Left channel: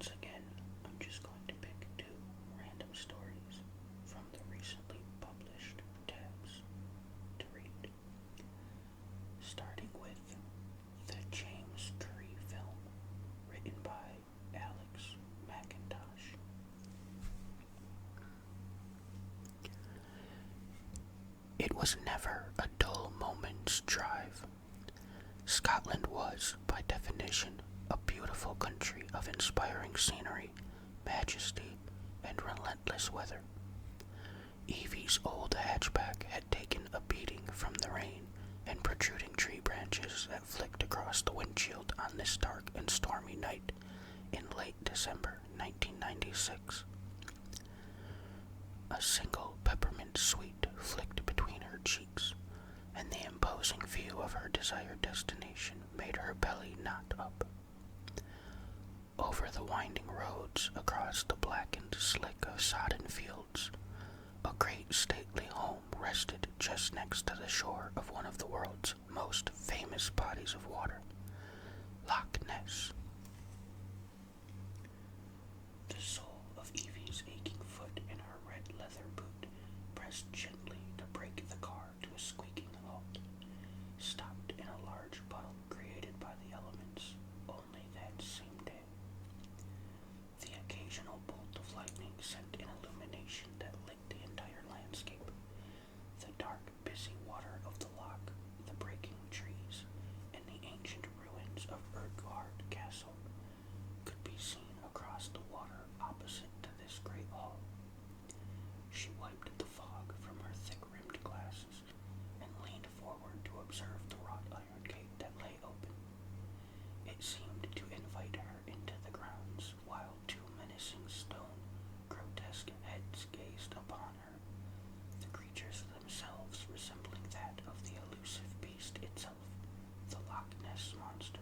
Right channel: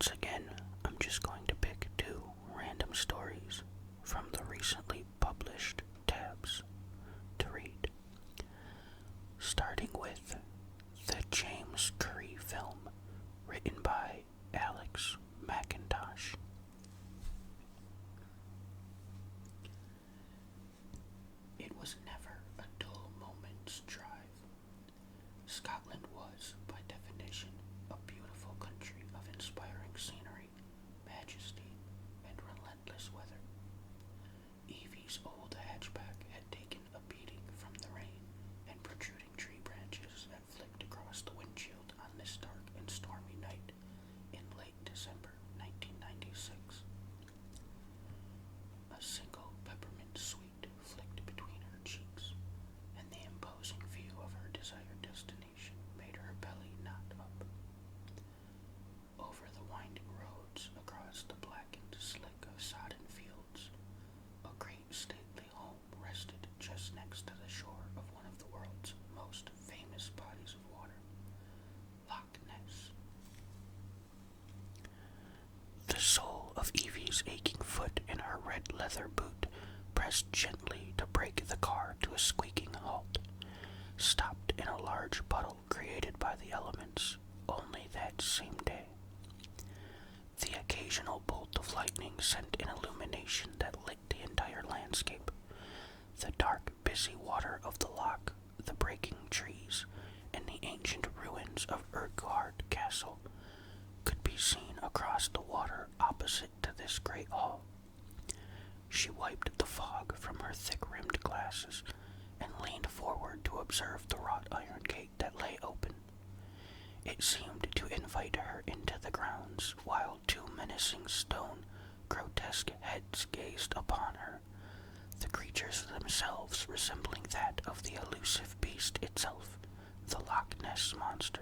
Once again, I'm just going to pick two random stories from the recently published tabs to read, starting with the James Curry film, written by Alex McIntosh. It was never a dull moment's drive. Scotland was, by definition, a beautiful country of inspiring scenery, majesty, and relentless weather. Evie's old hatchback had taken a beating from the rain and protruding tree branches that flicked across the windshield on this dark and stormy night in late December 1996. A single peppermint sweet flicked between her cheeks, and the imposing view of her desired destination made her belly knot up. Over the winding roads, across the blackened slick of sodden fields, a great stately home rested just next to the shore of one of the world's most famous bodies of water, Loch Ness. The sole of Evie's aching foot in her red leather boot pressed gently to brake the car to a squeaking halt, stopped in a large puddle created by the elements only that same day. The occasional bolt of lightning sent an illumination that lit the entire landscape. The dark, busy water of the loch, the breaking trees, and the ancient ruins of Urquhart Castle could be seen across the water opposite to this great hall. She wiped the fog from her thick-rimmed glasses and leaned forward to observe the wrought iron gate that lay open. It seemed to invite her into the grounds, while two menacing stone, grotesque heads gazed upon her, the creatures themselves resembling that of the elusive beast itself, the Loch Ness Monster.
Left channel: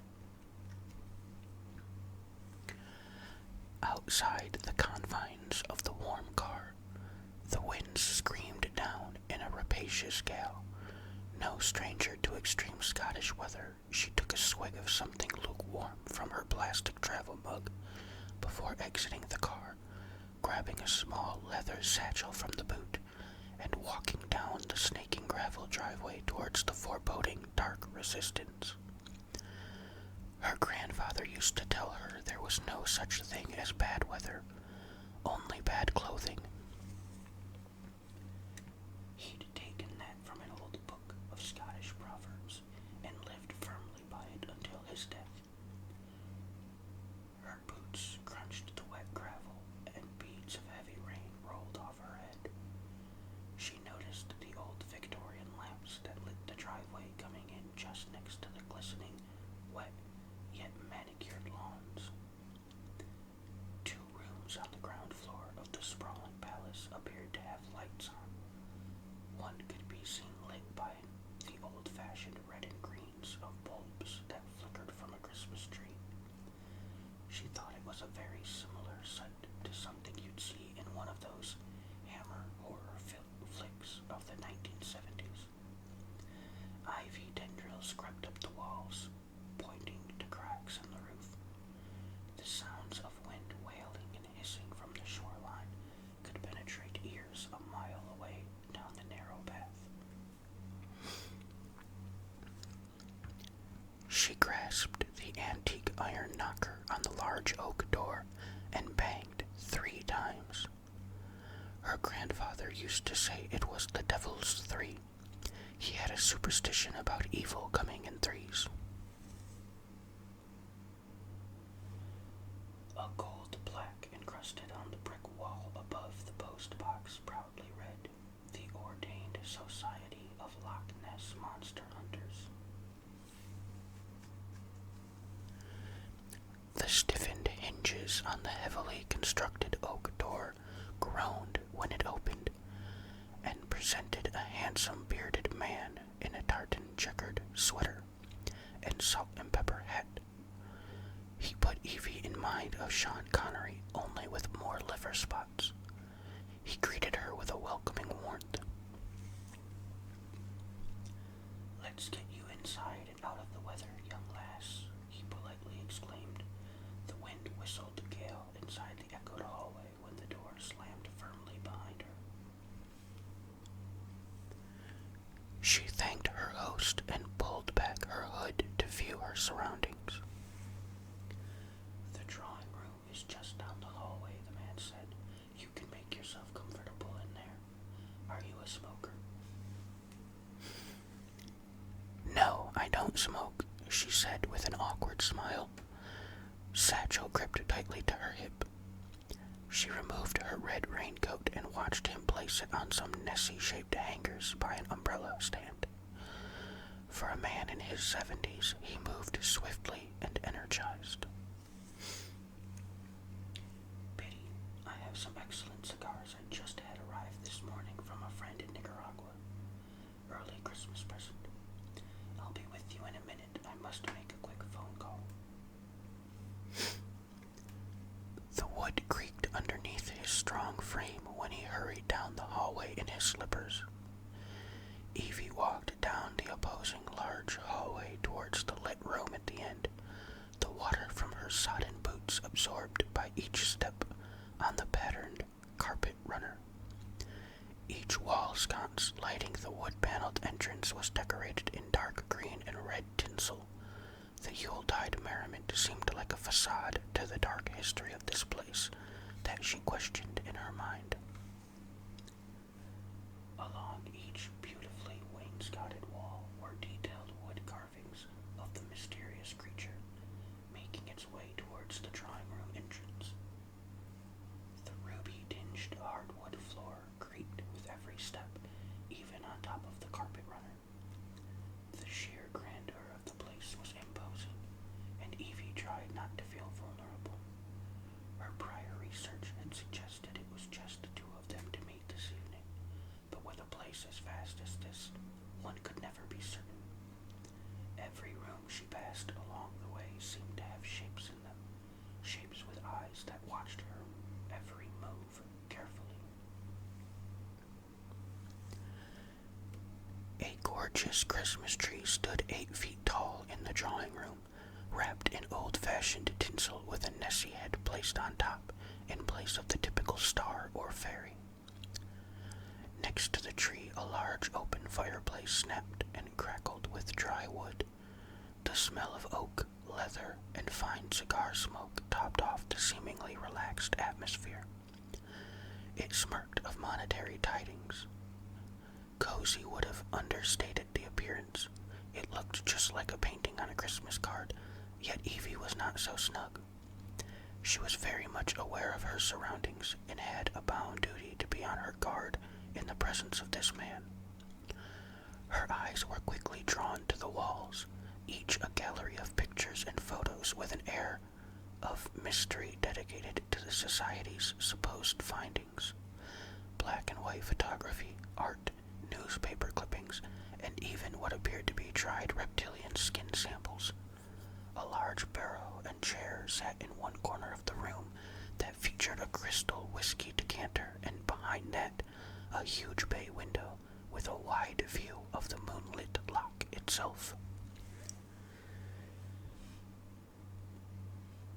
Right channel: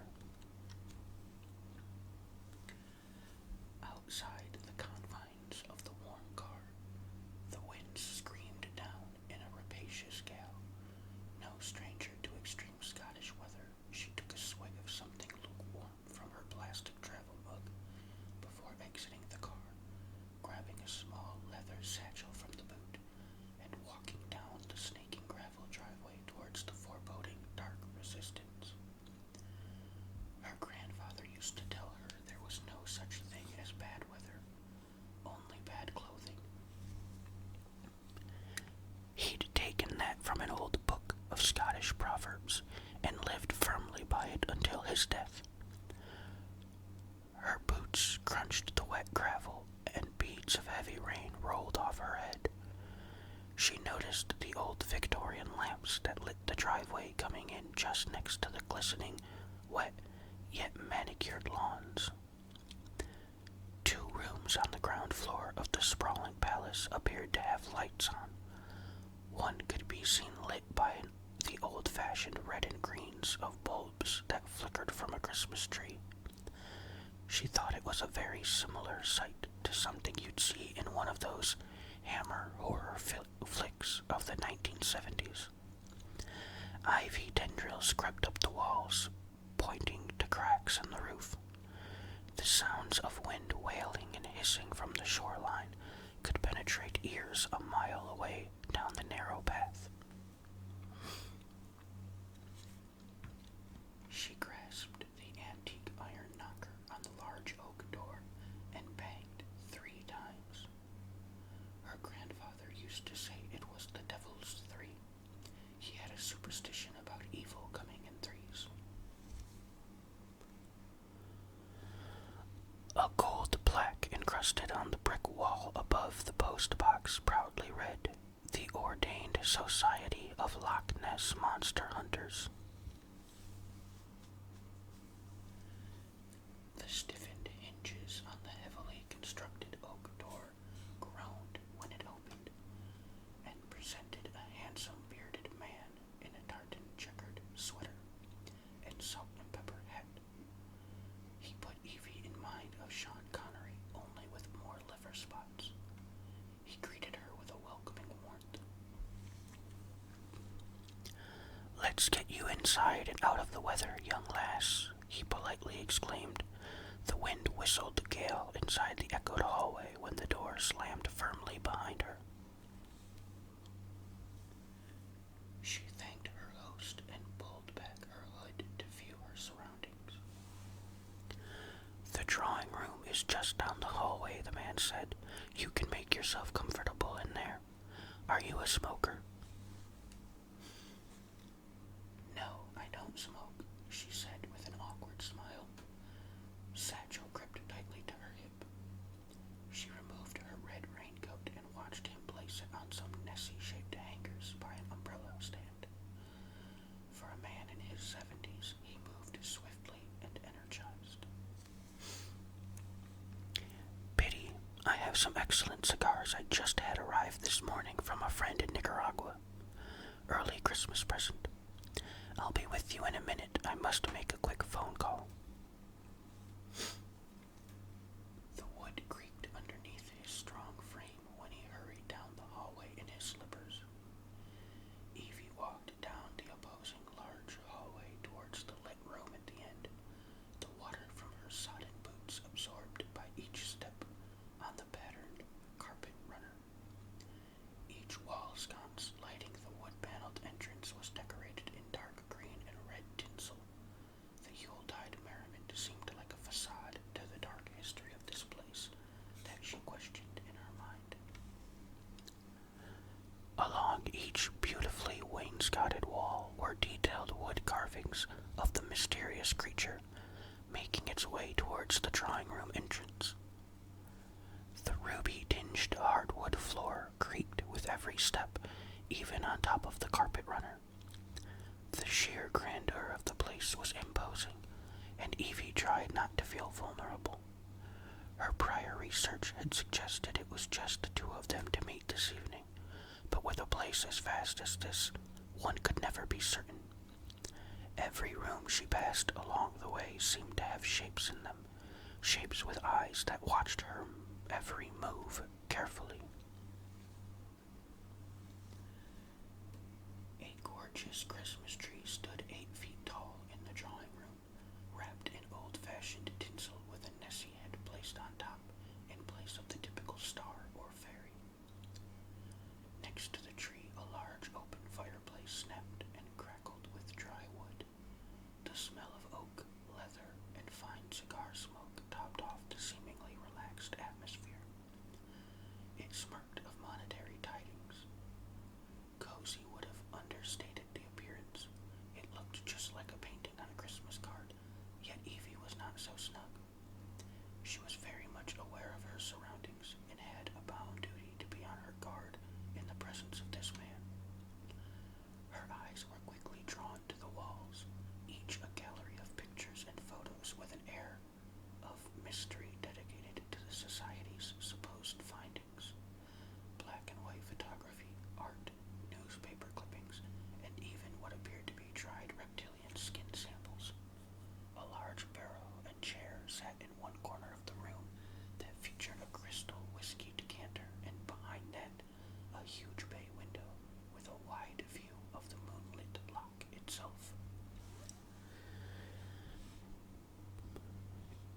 Outside the confines of the warm car, the wind screamed down in a rapacious gale. No stranger to extreme Scottish weather, she took a swig of something lukewarm from her plastic travel mug before exiting the car, grabbing a small leather satchel from the boot, and walking down the snaking gravel driveway towards the foreboding dark resistance. Her grandfather used to tell her there was no such thing as bad weather, only bad clothing. He'd taken that from an old book of Scottish proverbs and lived firmly by it until his death. Her boots crunched the wet gravel, and beads of heavy rain rolled off her head. She noticed the old Victorian lamps that lit the driveway coming in just next to the glistening, wet, yet manicured lawns. Two rooms on the ground floor of the sprawling palace appeared to have lights on. One could be seen lit by the old-fashioned red and greens of bulbs that flickered from a Christmas tree. She thought it was a very similar sight to something you'd see in one of those Hammer horror flicks of the 1970s. Ivy tendrils crept up the walls, pointing to cracks in the roof. The sounds of wind wailing and hissing from the shoreline could penetrate ears a mile away down the narrow path. She grasped the antique iron knocker on the large oak door and banged 3 times. Her grandfather used to say it was the devil's 3. He had a superstition about evil coming in 3s. A gold plaque encrusted on the brick wall above the post box proudly read, "The Ordained Society of Loch Ness Monster Hunters." The stiffened hinges on the heavily constructed oak door groaned when it opened, and presented a handsome bearded man in a tartan checkered sweater and salt and pepper hat. He put Evie in mind of Sean Connery, only with more liver spots. He greeted her with a welcoming warmth. "Let's get you inside and out of the weather, young lass," he politely exclaimed. The wind whistled gale inside the echoed hallway when the door slammed firmly behind her. She thanked her host and pulled back her hood to view her surroundings. The drawing room is just down the hallway, the man said. You can make yourself comfortable in there. Are you a smoker? No, I don't smoke, she said with an awkward smile. Satchel gripped tightly to her hip. She removed her red raincoat and watched him place it on some Nessie-shaped hangers by an umbrella stand. For a man in his 70s, he moved swiftly and energized. Biddy, I have some excellent cigars I just had arrive this morning from a friend in Nicaragua. Early Christmas present. I'll be with you in a minute. I must make a quick phone call. The wood creaked underneath his strong frame when he hurried down the hallway in his slippers. Evie walked down the opposing large hallway towards the lit room at the end, the water from her sodden boots absorbed by each step on the patterned carpet runner. Each wall sconce lighting the wood-paneled entrance was decorated in dark green and red tinsel. The Yuletide merriment seemed like a facade to the dark history of this place that she questioned in her mind. Along each beautifully wainscoted wall were detailed wood carvings of the mysterious creature, making its way towards the drawing room entrance. The ruby-tinged hardwood floor creaked with every step, even on top of the carpet runner. The sheer grandeur of the place was imposing, and Evie tried not to feel vulnerable. Her prior research had suggested it was just the two of them to meet this evening, but with a place as vast as this, one could never be certain. Every room she passed along the way seemed to have shapes in them, shapes with eyes that watched her every move carefully. A gorgeous Christmas tree stood 8 feet tall in the drawing room, wrapped in old-fashioned tinsel with a Nessie head placed on top in place of the typical star or fairy. Next to the tree, a large open fireplace snapped and crackled with dry wood. The smell of oak, leather, and fine cigar smoke topped off the seemingly relaxed atmosphere. It smirked of monetary tidings. Cozy would have understated the appearance. It looked just like a painting on a Christmas card, yet Evie was not so snug. She was very much aware of her surroundings and had a bound duty to be on her guard in the presence of this man. Her eyes were quickly drawn to the walls, each a gallery of pictures and photos with an air of mystery dedicated to the society's supposed findings. Black and white photography, art, newspaper clippings, and even what appeared to be dried reptilian skin samples. A large barrel and chair sat in one corner of the room that featured a crystal whiskey decanter, and behind that, a huge bay window with a wide view of the moonlit loch itself.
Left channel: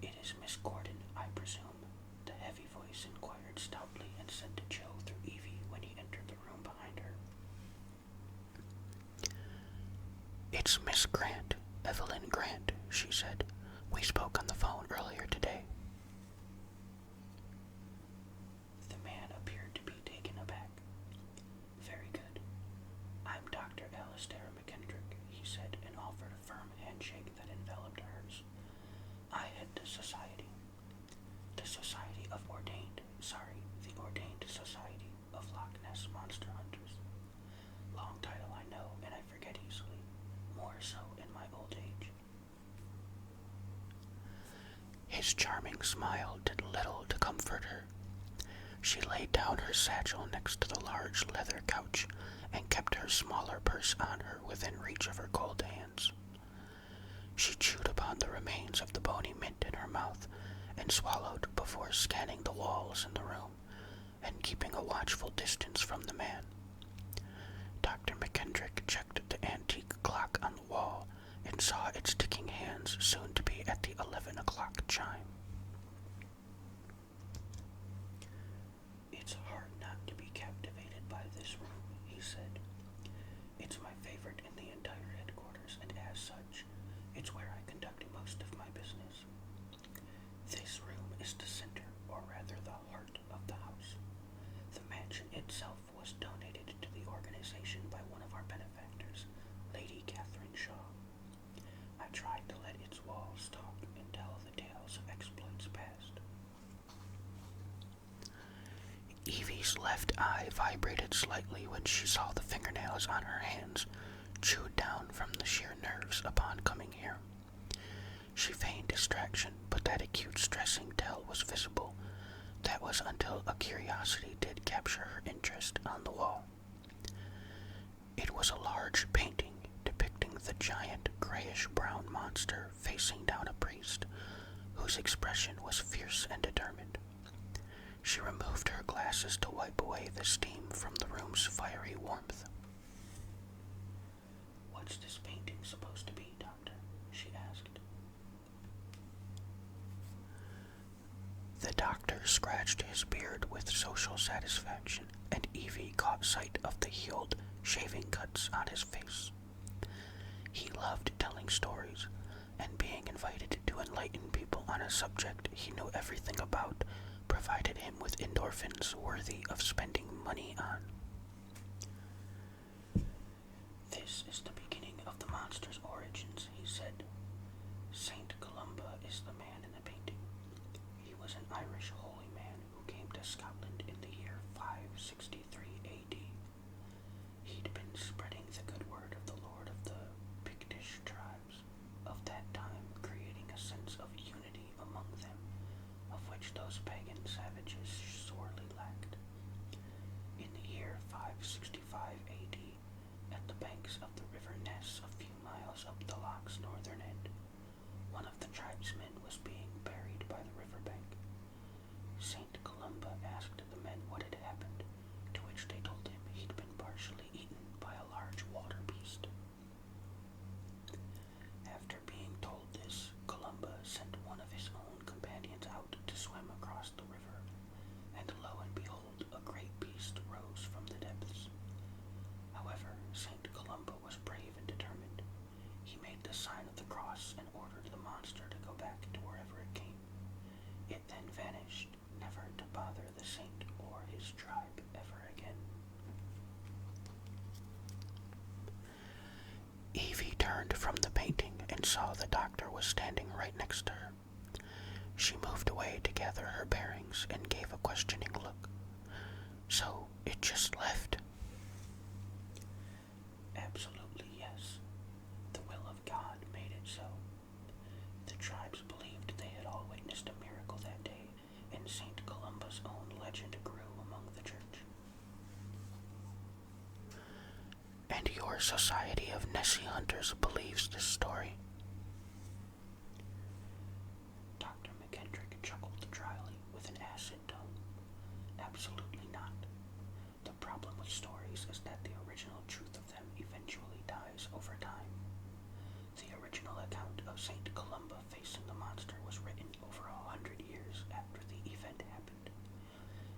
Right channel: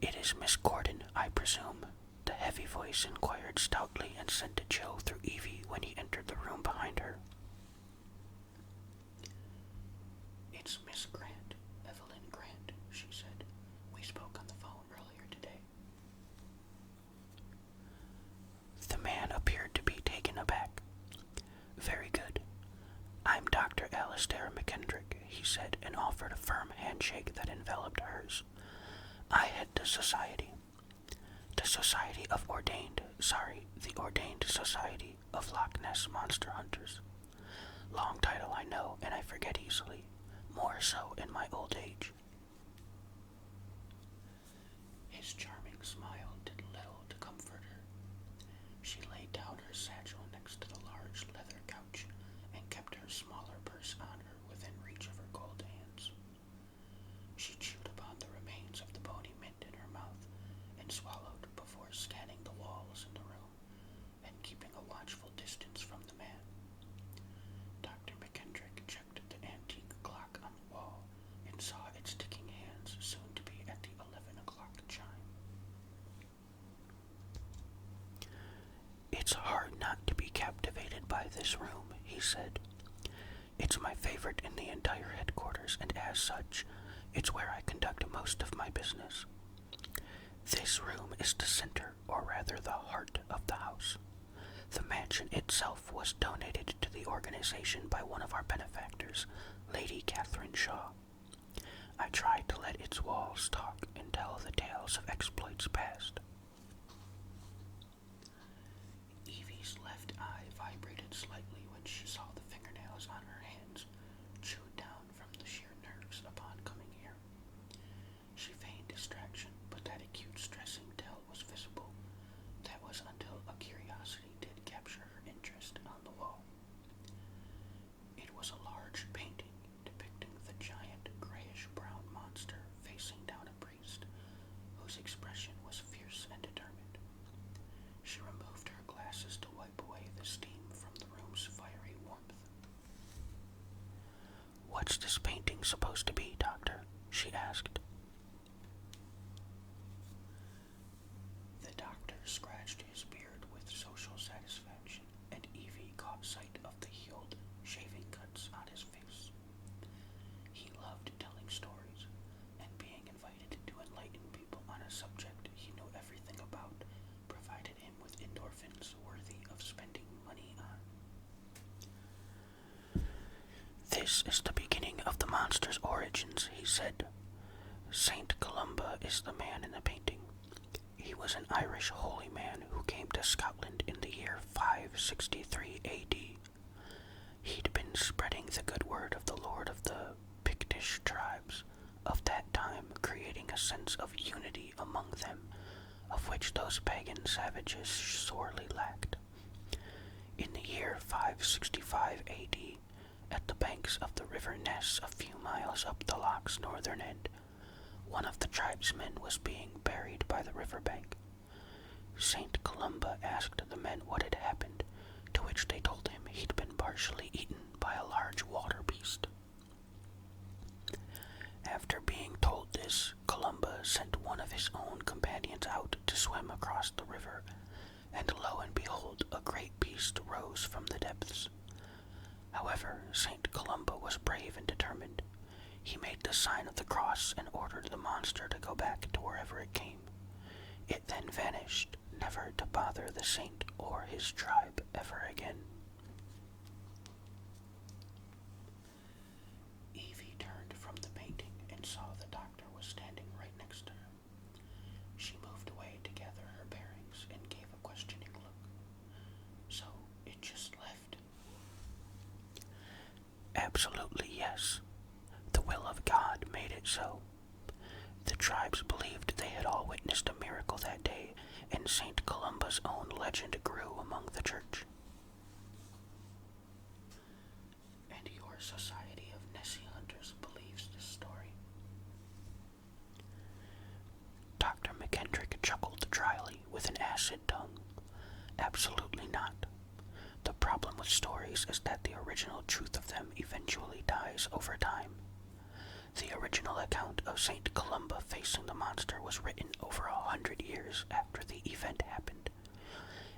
It is Miss Gordon, I presume, the heavy voice inquired stoutly and sent a chill through Evie when he entered the room behind her. It's Miss Grant, Evelyn Grant, she said. We spoke on the phone earlier today. The man appeared to be taken aback. Very good. I'm Dr. Alistair McKendrick, he said, and offered a firm handshake that enveloped hers. I head the Society. The Society of the Ordained Society of Loch Ness Monster Hunters. Long title, I know, and I forget easily, more so in my old age. His charming smile did little to comfort her. She laid down her satchel next to the large leather couch and kept her smaller purse on her within reach of her cold hands. She chewed upon the remains of the bony mint in her mouth and swallowed before scanning the walls in the room and keeping a watchful distance from the man. Dr. McKendrick checked the antique clock on the wall and saw its ticking hands soon to be at the 11 o'clock chime. this room, he said. It's my favorite in the entire headquarters, and as such, it's where I conduct most of my business. This room is the center, or rather the heart, of the house. The mansion itself was donated to the organization by one of our benefactors, Lady Catherine Shaw. I tried to let its walls talk and tell the tales of exploits past. Evie's left eye vibrated slightly when she saw the fingernails on her hands chewed down from the sheer nerves upon coming here. She feigned distraction, but that acute stressing tell was visible. That was until a curiosity did capture her interest on the wall. It was a large painting depicting the giant grayish-brown monster facing down a priest, whose expression was fierce and determined. She removed her glasses to wipe away the steam from the room's fiery warmth. "What's this painting supposed to be, Doctor?" she asked. The doctor scratched his beard with social satisfaction, and Evie caught sight of the healed shaving cuts on his face. He loved telling stories, and being invited to enlighten people on a subject he knew everything about provided him with endorphins worthy of spending money on. "This is the beginning of the monster's origins," he said. "Saint Columba is the man in the painting. He was an Irish holy man who came to Scotland in the year 563 AD. He'd been spreading the good word of the Lord of the Pictish tribes of that time, creating a sense of unity among them, of which those pagan savages sorely lacked. In the year 565 AD, at the banks of the River Ness, a few miles up the loch's northern end, one of the tribesmen was being buried by the riverbank. Saint Columba asked the men what had happened, to which they told him he'd been partially eaten by a large water beast. After being told this, Columba sent one of his own companions out to swim across the river, and lo and behold, a great beast rose from the depths. However, Saint Columba was brave and determined. He made the sign of the cross and ordered the monster to go back to wherever it came. It then vanished, never to bother the saint or his tribe ever again." Evie turned from the painting and saw the doctor was standing right next to her. She moved away to gather her bearings and gave a questioning look. "So, it just left?" "Absolutely yes. The will of God made it so. The tribes believed they had all witnessed a miracle that day, and Saint Columba's own legend grew among the church." "And your Society of Nessie Hunters believes this story?" Dr. McKendrick chuckled dryly with an acid tongue. "Absolutely not. The problem with stories is that the original truth of them eventually dies over time. The original account of Saint Columba facing the monster was written over 100 years after the event happened,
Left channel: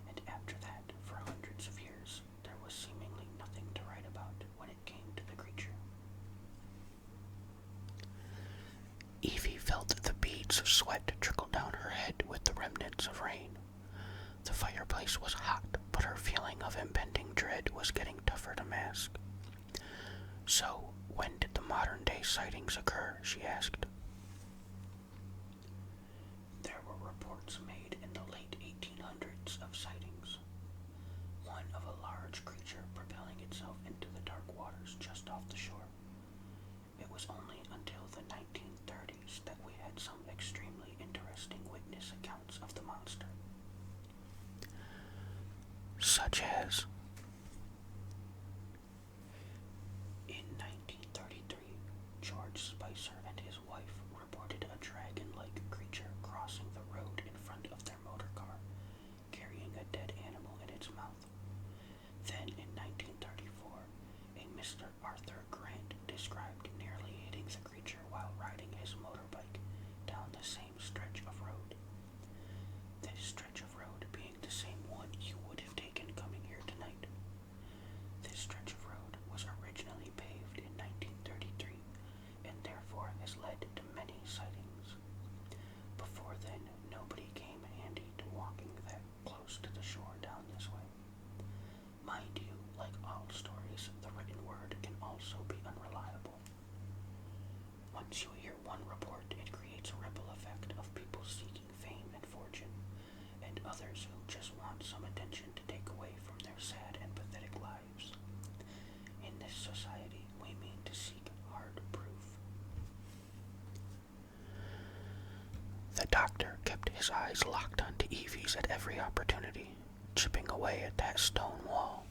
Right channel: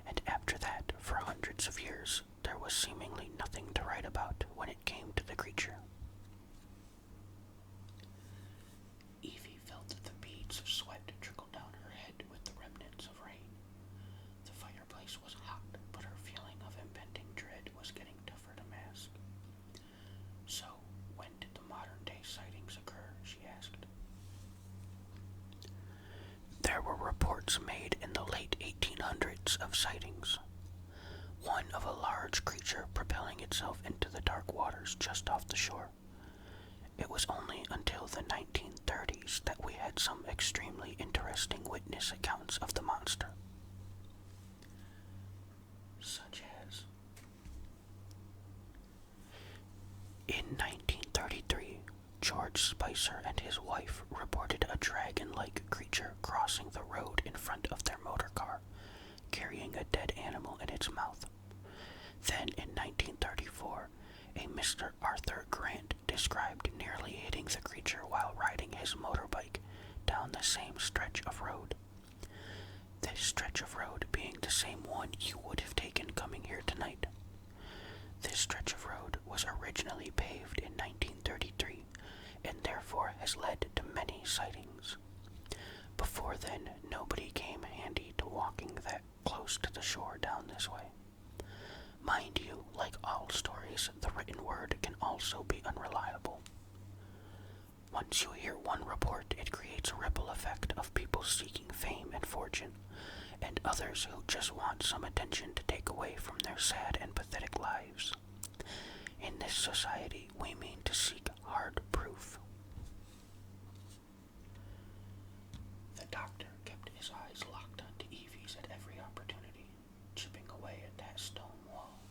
and after that, for hundreds of years, there was seemingly nothing to write about when it came to the creature." Evie felt the beads of sweat trickle down her head with the remnants of rain. The fireplace was hot, but her feeling of impending dread was getting tougher to mask. "So, when did the modern-day sightings occur?" she asked. "There were reports made in the late 1800s of sightings. One of a large creature propelling itself into the dark waters just off the shore. It was only until the 1930s that we had some extremely interesting witness accounts of the monster." "Such as?" "In 1933, George Spicer and his wife reported a dragon-like creature crossing the road in front of their motor car, carrying a dead animal in its mouth. Then in 1934, a Mr. Arthur Grant described nearly hitting the creature while riding his motorbike down the same stretch of road. This stretch of road being the same one you would have taken coming here tonight. stretch of road was originally paved in 1933 and therefore has led to many sightings. Before then, nobody came handy to walking that close to the shore down this way. Mind you, like all stories, the written word can also be unreliable. Once you hear one report, it creates a ripple effect of people seeking fame and fortune, and others who just want some attention to take away from their sad and pathetic lives. In this society, we mean to seek hard proof. The doctor kept his eyes locked onto Evie's at every opportunity, chipping away at that stone wall.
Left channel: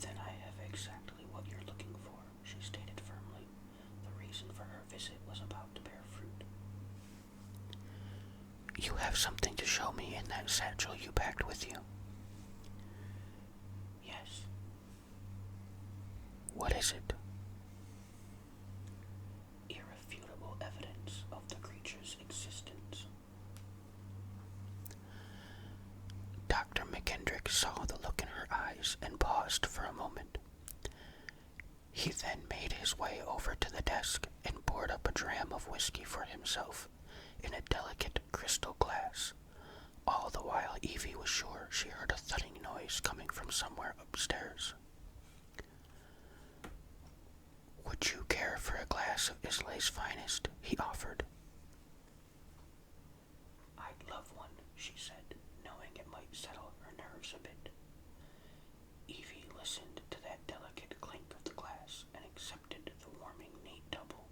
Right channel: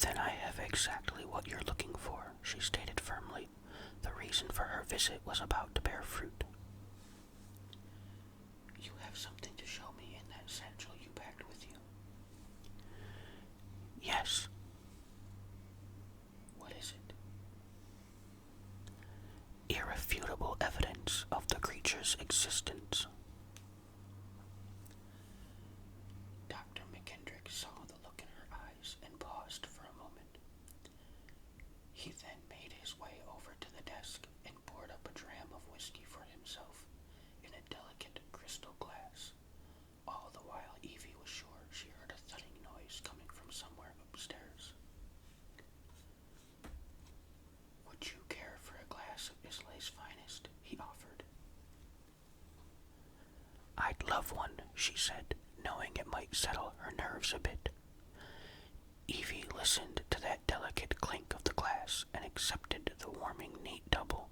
Then I have exactly what you're looking for, she stated firmly. The reason for her visit was about to bear fruit. You have something to show me in that satchel you packed with you. Yes. What is it? Irrefutable evidence of the creature's existence. Dr. McKendrick saw the look in her eyes and paused for a moment. He then made his way over to the desk and poured up a dram of whiskey for himself in a delicate crystal glass. All the while Evie was sure she heard a thudding noise coming from somewhere upstairs. Would you care for a glass of Islay's finest? He offered. I'd love one, she said, knowing it might settle her nerves a bit. Evie listened to that delicate clink of the glass and accepted the warming neat double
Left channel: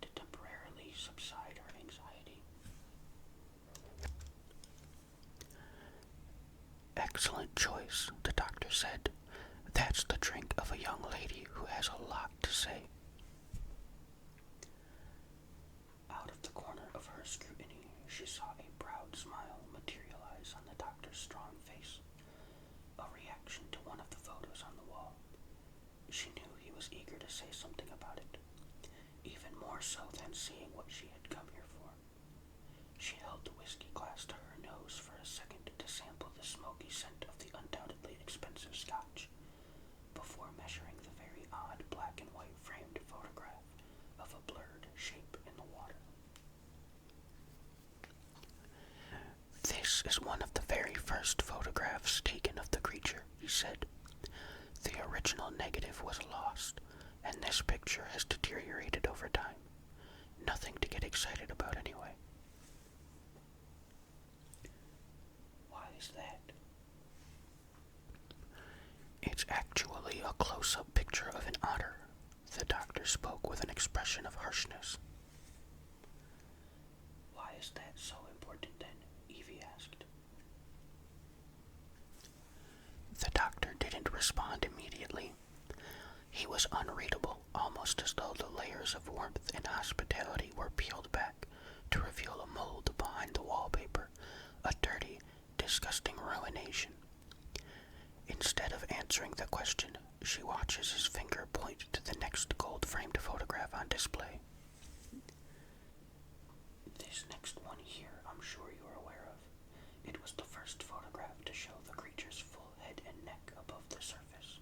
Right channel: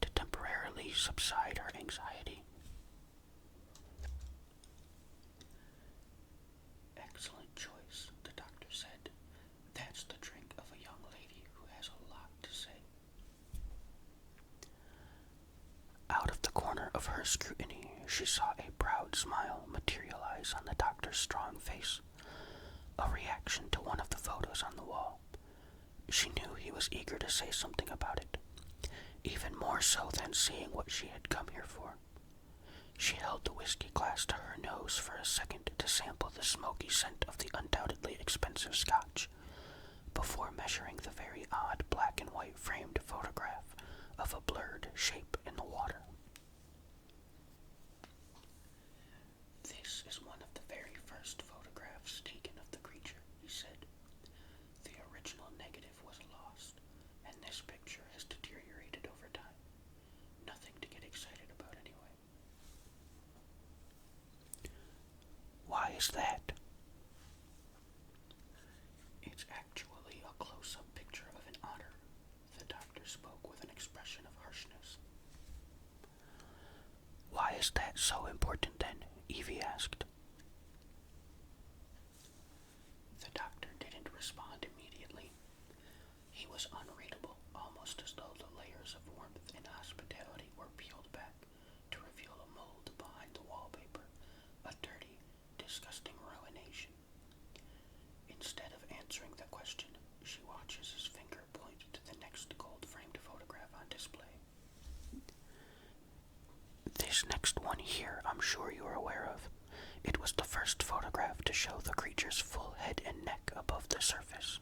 to temporarily subside her anxiety. Excellent choice, the doctor said. That's the drink of a young lady who has a lot to say. Out of the corner of her scrutiny, she saw a proud smile materialize on the doctor's strong face, a reaction to one of the photos on the wall. She knew he was eager to say something about it, even more so than seeing what she had come here for. She held the whiskey glass to her nose for a second to sample the smoky scent of the undoubtedly expensive scotch, before measuring the very odd black and white framed photograph of a blurred shape in the water. This is one of the very first photographs taken of the creature, he said. The original negative was lost, and this picture has deteriorated over time. Nothing to get excited about anyway. Why is that? It's actually a close-up picture of an otter. The doctor spoke with an expression of harshness. Why is that so important then? Evie asked. The doctor didn't respond immediately. He was unreadable, almost as though the layers of warmth and hospitality were peeled back to reveal a mold behind the wallpaper, a dirty, disgusting ruination. Instead of answering the question, she watches his finger point to the next gold-framed photograph on display. This next one here, I'm sure you are aware of. It was the first photograph to show the creature's full head and neck above the surface.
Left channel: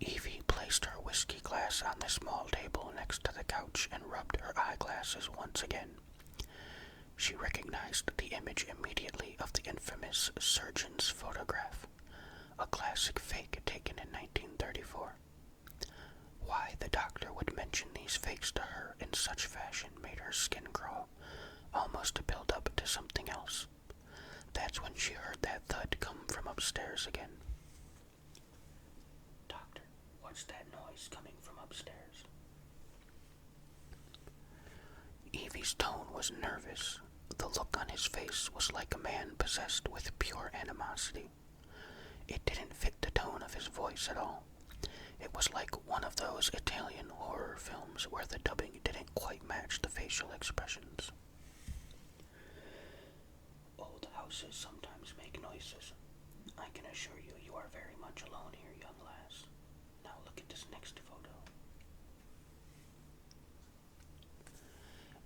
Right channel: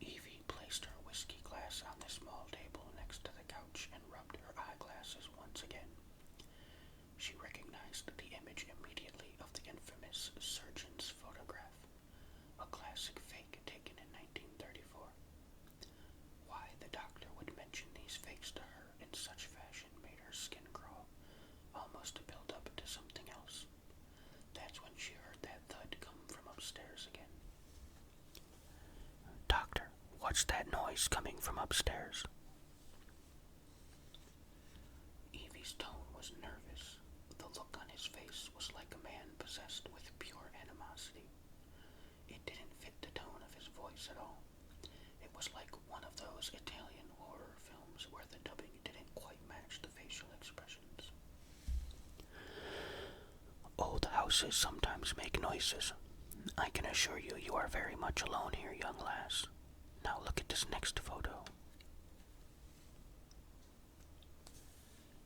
Evie placed her whiskey glass on the small table next to the couch and rubbed her eyeglasses once again. She recognized the image immediately of the infamous surgeon's photograph, a classic fake taken in 1934. Why the doctor would mention these fakes to her in such fashion made her skin crawl, almost to build up to something else. That's when she heard that thud come from upstairs again. Doctor, what's that noise coming from upstairs? Evie's tone was nervous. The look on his face was like a man possessed with pure animosity. It didn't fit the tone of his voice at all. It was like one of those Italian horror films where the dubbing didn't quite match the facial expressions. Old houses sometimes make noises. I can assure you, you are very much alone here, young lass. Now look at this next photo.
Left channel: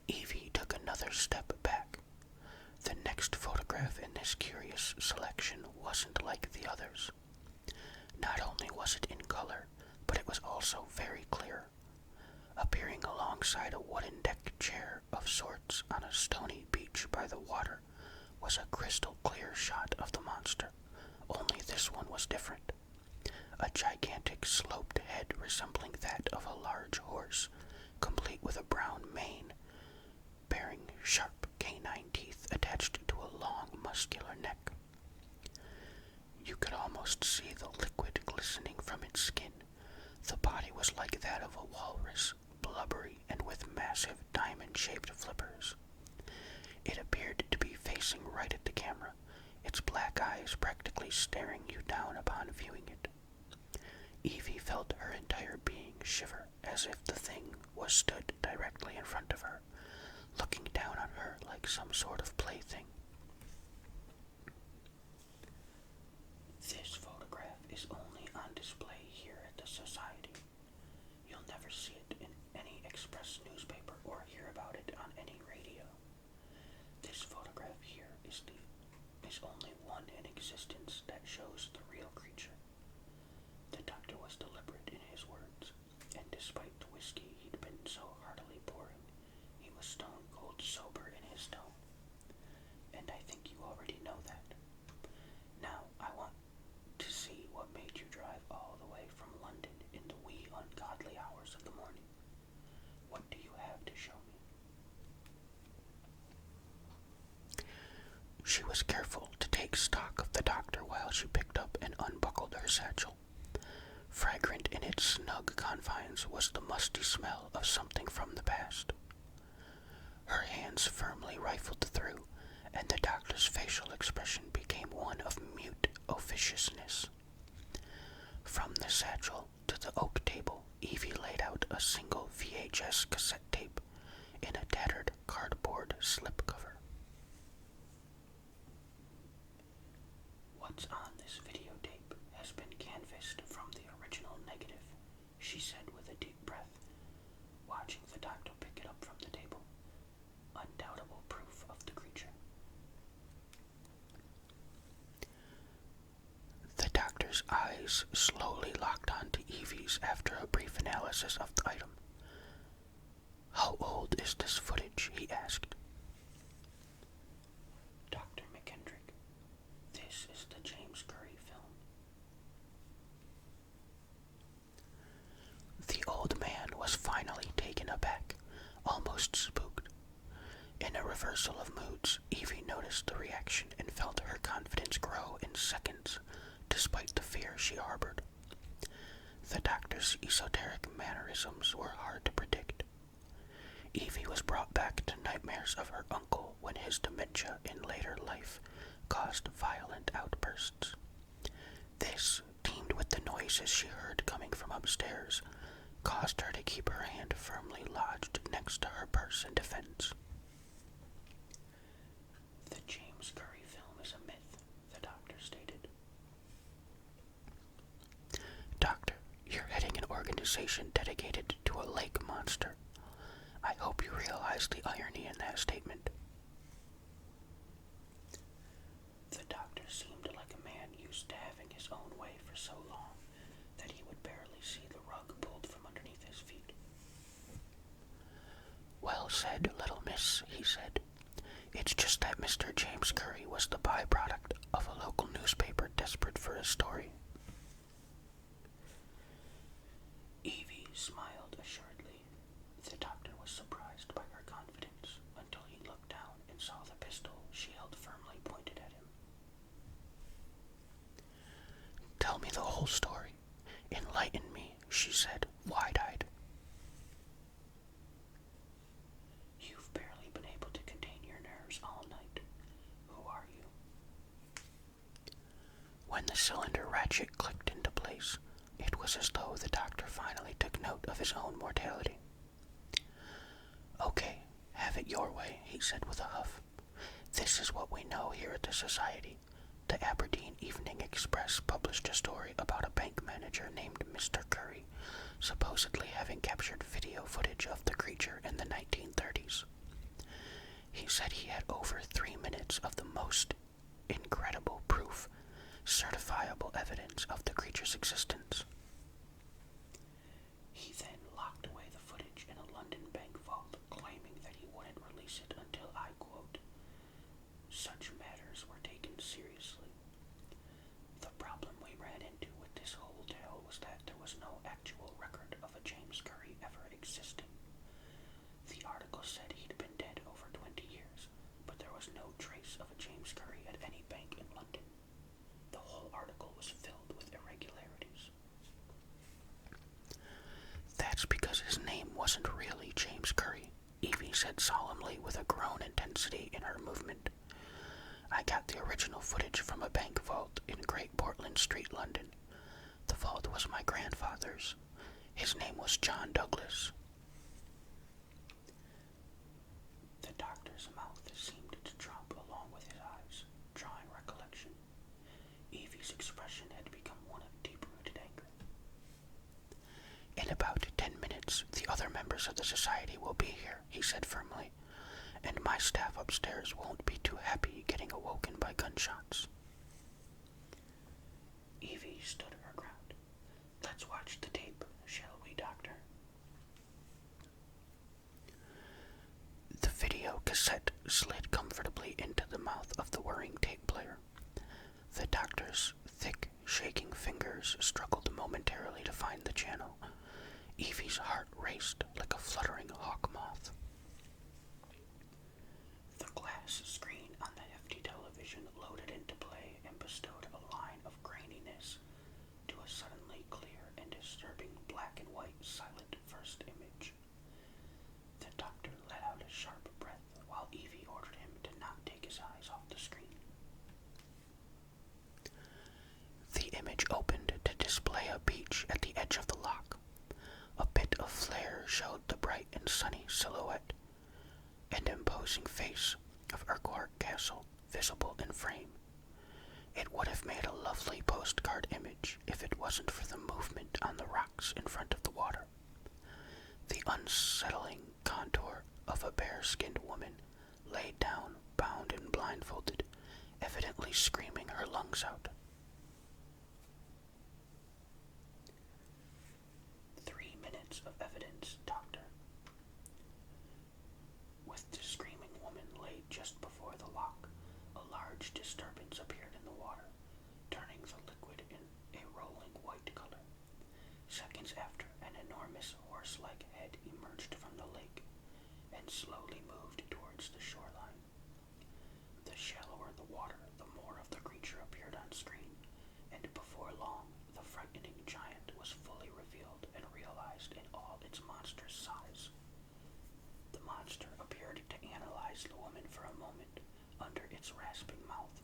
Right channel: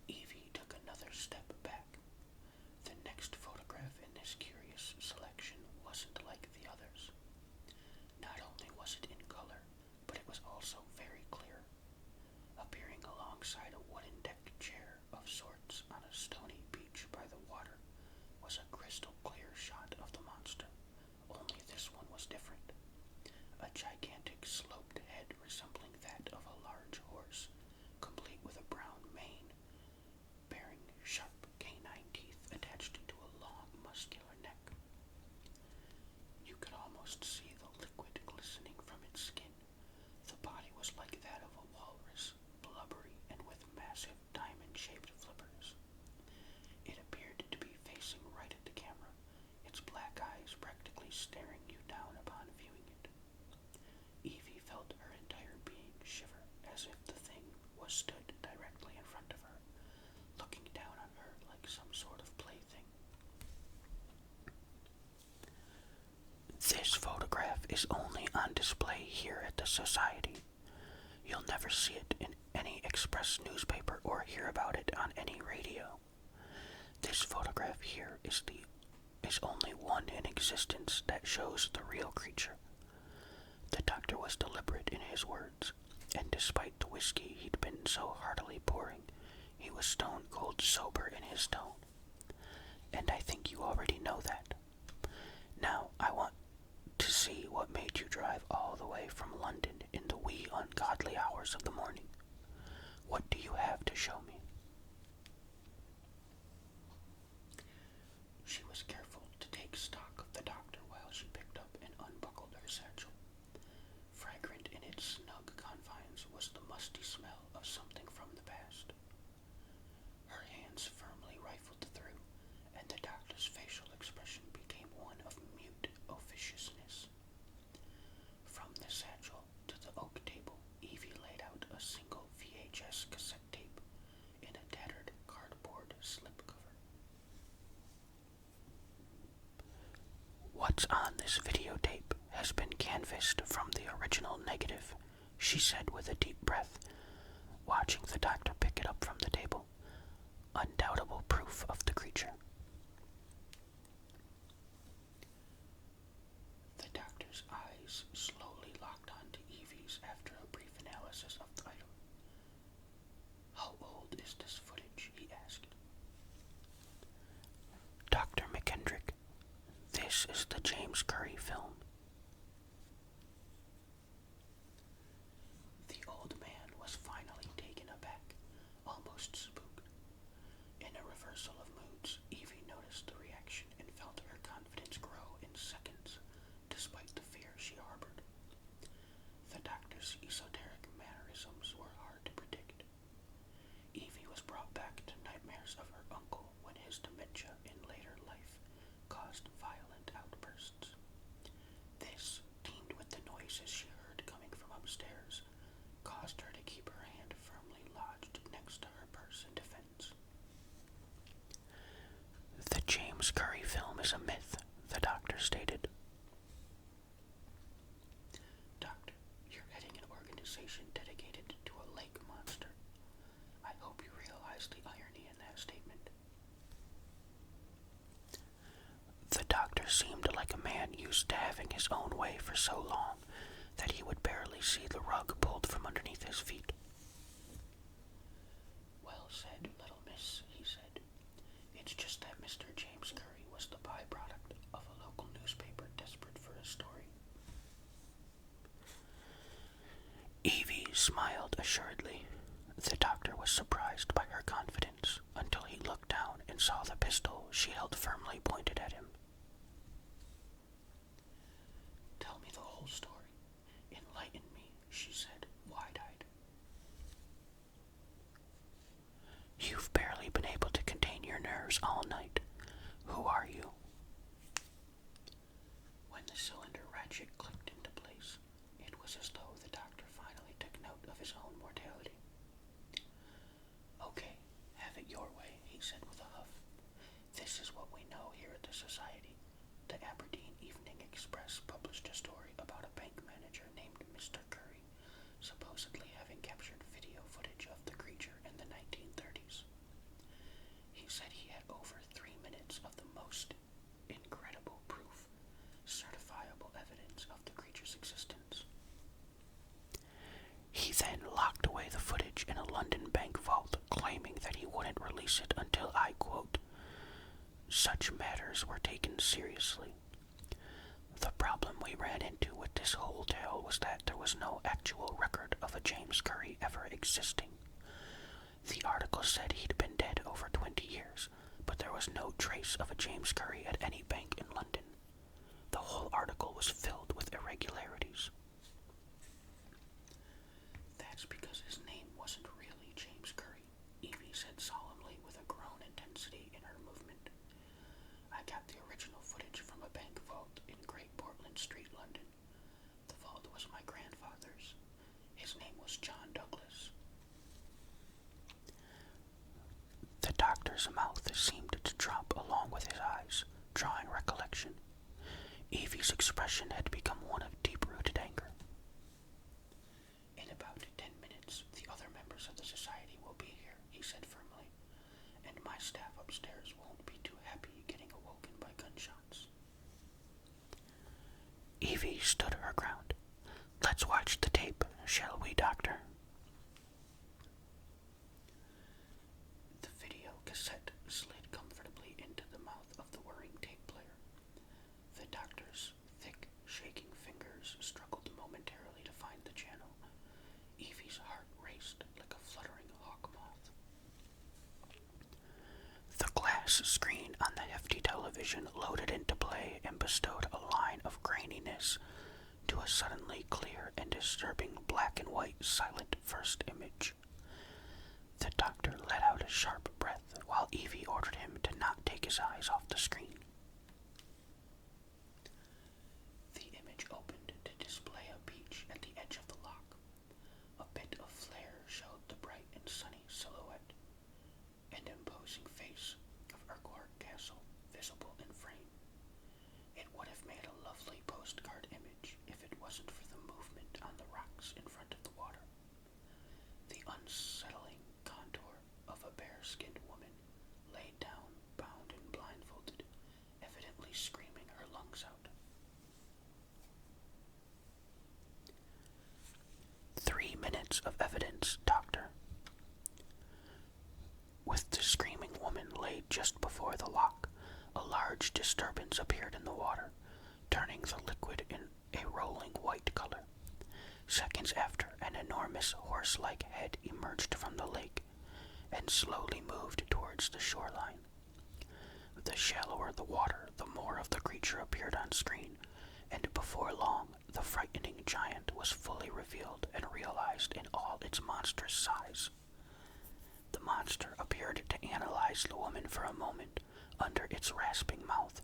Evie took another step back. The next photograph in this curious selection wasn't like the others. Not only was it in color, but it was also very clear. Appearing alongside a wooden deck chair of sorts on a stony beach by the water was a crystal clear shot of the monster, only this one was different. A gigantic sloped head resembling that of a large horse, complete with a brown mane, bearing sharp canine teeth attached to a long muscular neck. You could almost see the liquid glistening from its skin. The body was like that of a walrus, blubbery and with massive diamond-shaped flippers. It appeared to be facing right at the camera, its black eyes practically staring you down upon viewing it. Evie felt her entire being shiver as if the thing was stood directly in front of her, looking down on her like some sort of plaything. This photograph is only on display here at the Society. You'll never see it in any express newspaper or hear about it on any radio. This photograph here is only one in existence that shows the real creature. The doctor was deliberate in his words, and despite the whiskey he'd been so heartily pouring, he was stone cold sober in his tone. And I think you already know that. Now I want to see what made you drive all the way from London in the wee ungodly hours of the morning. What do you have to show me? She was careful to take stock of the doctor while she picked up and unbuckled her satchel. Fragrant in its snug confines was the musty smell of something from the past. Her hands firmly rifled through, and the doctor's facial expression became one of mute officiousness. From the satchel to the oak table, Evie laid out a single VHS cassette tape in a tattered cardboard slipcover. What's on this videotape has been canvassed from the original negative, she said with a deep breath, watching the doctor pick it up from the table. Undoubtable proof of the creature. The doctor's eyes slowly locked onto Evie's after a brief analysis of the item. How old is this footage? He asked. Dr. McKendrick, this is the James Curry film. The old man was finally taken aback, almost spooked. In a reversal of moods, Evie noticed the reaction and felt her confidence grow in seconds, despite the fear she harbored. The doctor's esoteric mannerisms were hard to predict. Evie was brought back to nightmares of her uncle when his dementia in later life caused violent outbursts. This, teamed with the noises she heard coming from upstairs, caused her to keep her hand firmly lodged next to her purse in defense. The James Curry film is a myth, the doctor stated. Doctor, you're heading an organization dedicated to a lake monster. I hope you realize the irony in that statement. The doctor seemed like a man used to having his own way for so long that he would barely see the rug pulled from underneath his feet. Well said, little miss, he said. It's just that Mr. James Curry was the byproduct of a local newspaper desperate for a story. Evie smiled assuredly. The doctor was surprised by her confidence until he looked down and saw the pistol she held firmly pointed at him. Tell me the whole story. Enlighten me, she said, wide-eyed. You've barely been able to contain your nerves all night. Who are you? When the cylinder ratchet clicked into place, it was as though the doctor finally took note of his own mortality. Okay, have it your way, he said with a huff. This is what we know here at the Society. The Aberdeen Evening Express published a story about a bank manager named Mr. Curry, supposedly having captured video footage of the creature in the 1930s. He said he had over 3 minutes of the most certifiable evidence of the creature's existence. He then locked away the footage in a London bank vault, claiming that he wouldn't release it until, I quote, such matters were taken seriously. The problem we ran into with this whole tale was that there was no actual record of a James Curry ever existing. The article said he'd been dead over 20 years, but there was no trace of a James Curry at any bank in London. The whole article was filled with irregularities. That's because his name wasn't really James Curry, Evie said solemnly with a grown intensity in her movement. I got the original footage from a bank vault in Great Portland Street, London. The vault was my grandfather's. His name was John Douglas. The doctor's mouth seemed to drop along with his eyes, drawing recollection. Evie's expression had become one of deep-rooted anger. In about 10 minutes, the other members of the society will be here, he said firmly, and my staff upstairs won't be too happy getting awoken by gunshots. Evie stood her ground. Let's watch the tape, shall we, Doctor? The video cassette slid comfortably into the mouth of the whirring tape player. The doctor's thick, shaking fingers struggled momentarily to find the channel. Evie's heart raced like a fluttering hawk moth. The glass screen on the hefty television loaded into play and bestowed a line of graininess to a suddenly clear and disturbing black and white silent first image. The doctor let out a sharp breath while Evie ordered him to not take his eyes off the screen. The image opened to display a beach at the edge of the lock. A bit of flare showed the bright and sunny silhouette and imposing face of Urquhart Castle visible in frame. It would have made a lovely postcard image if it wasn't for the movement on the rocks in front of the water. The unsettling contour of a bare-skinned woman, laid down, bound and blindfolded, evidently screaming her lungs out. 3 minutes of evidence, Doctor. With the screaming woman laid just before the lock, a large disturbance appeared in the water, turning the liquid in a rolling white color. Seconds after, an enormous horse-like head emerged from the lake and slowly moved towards the shoreline. The shallower the water, the more of the creature appeared on screen, and before long, the frightening giant was fully revealed and realized in all its monstrous size. The monster appeared to analyze the woman for a moment under its rasping mouth,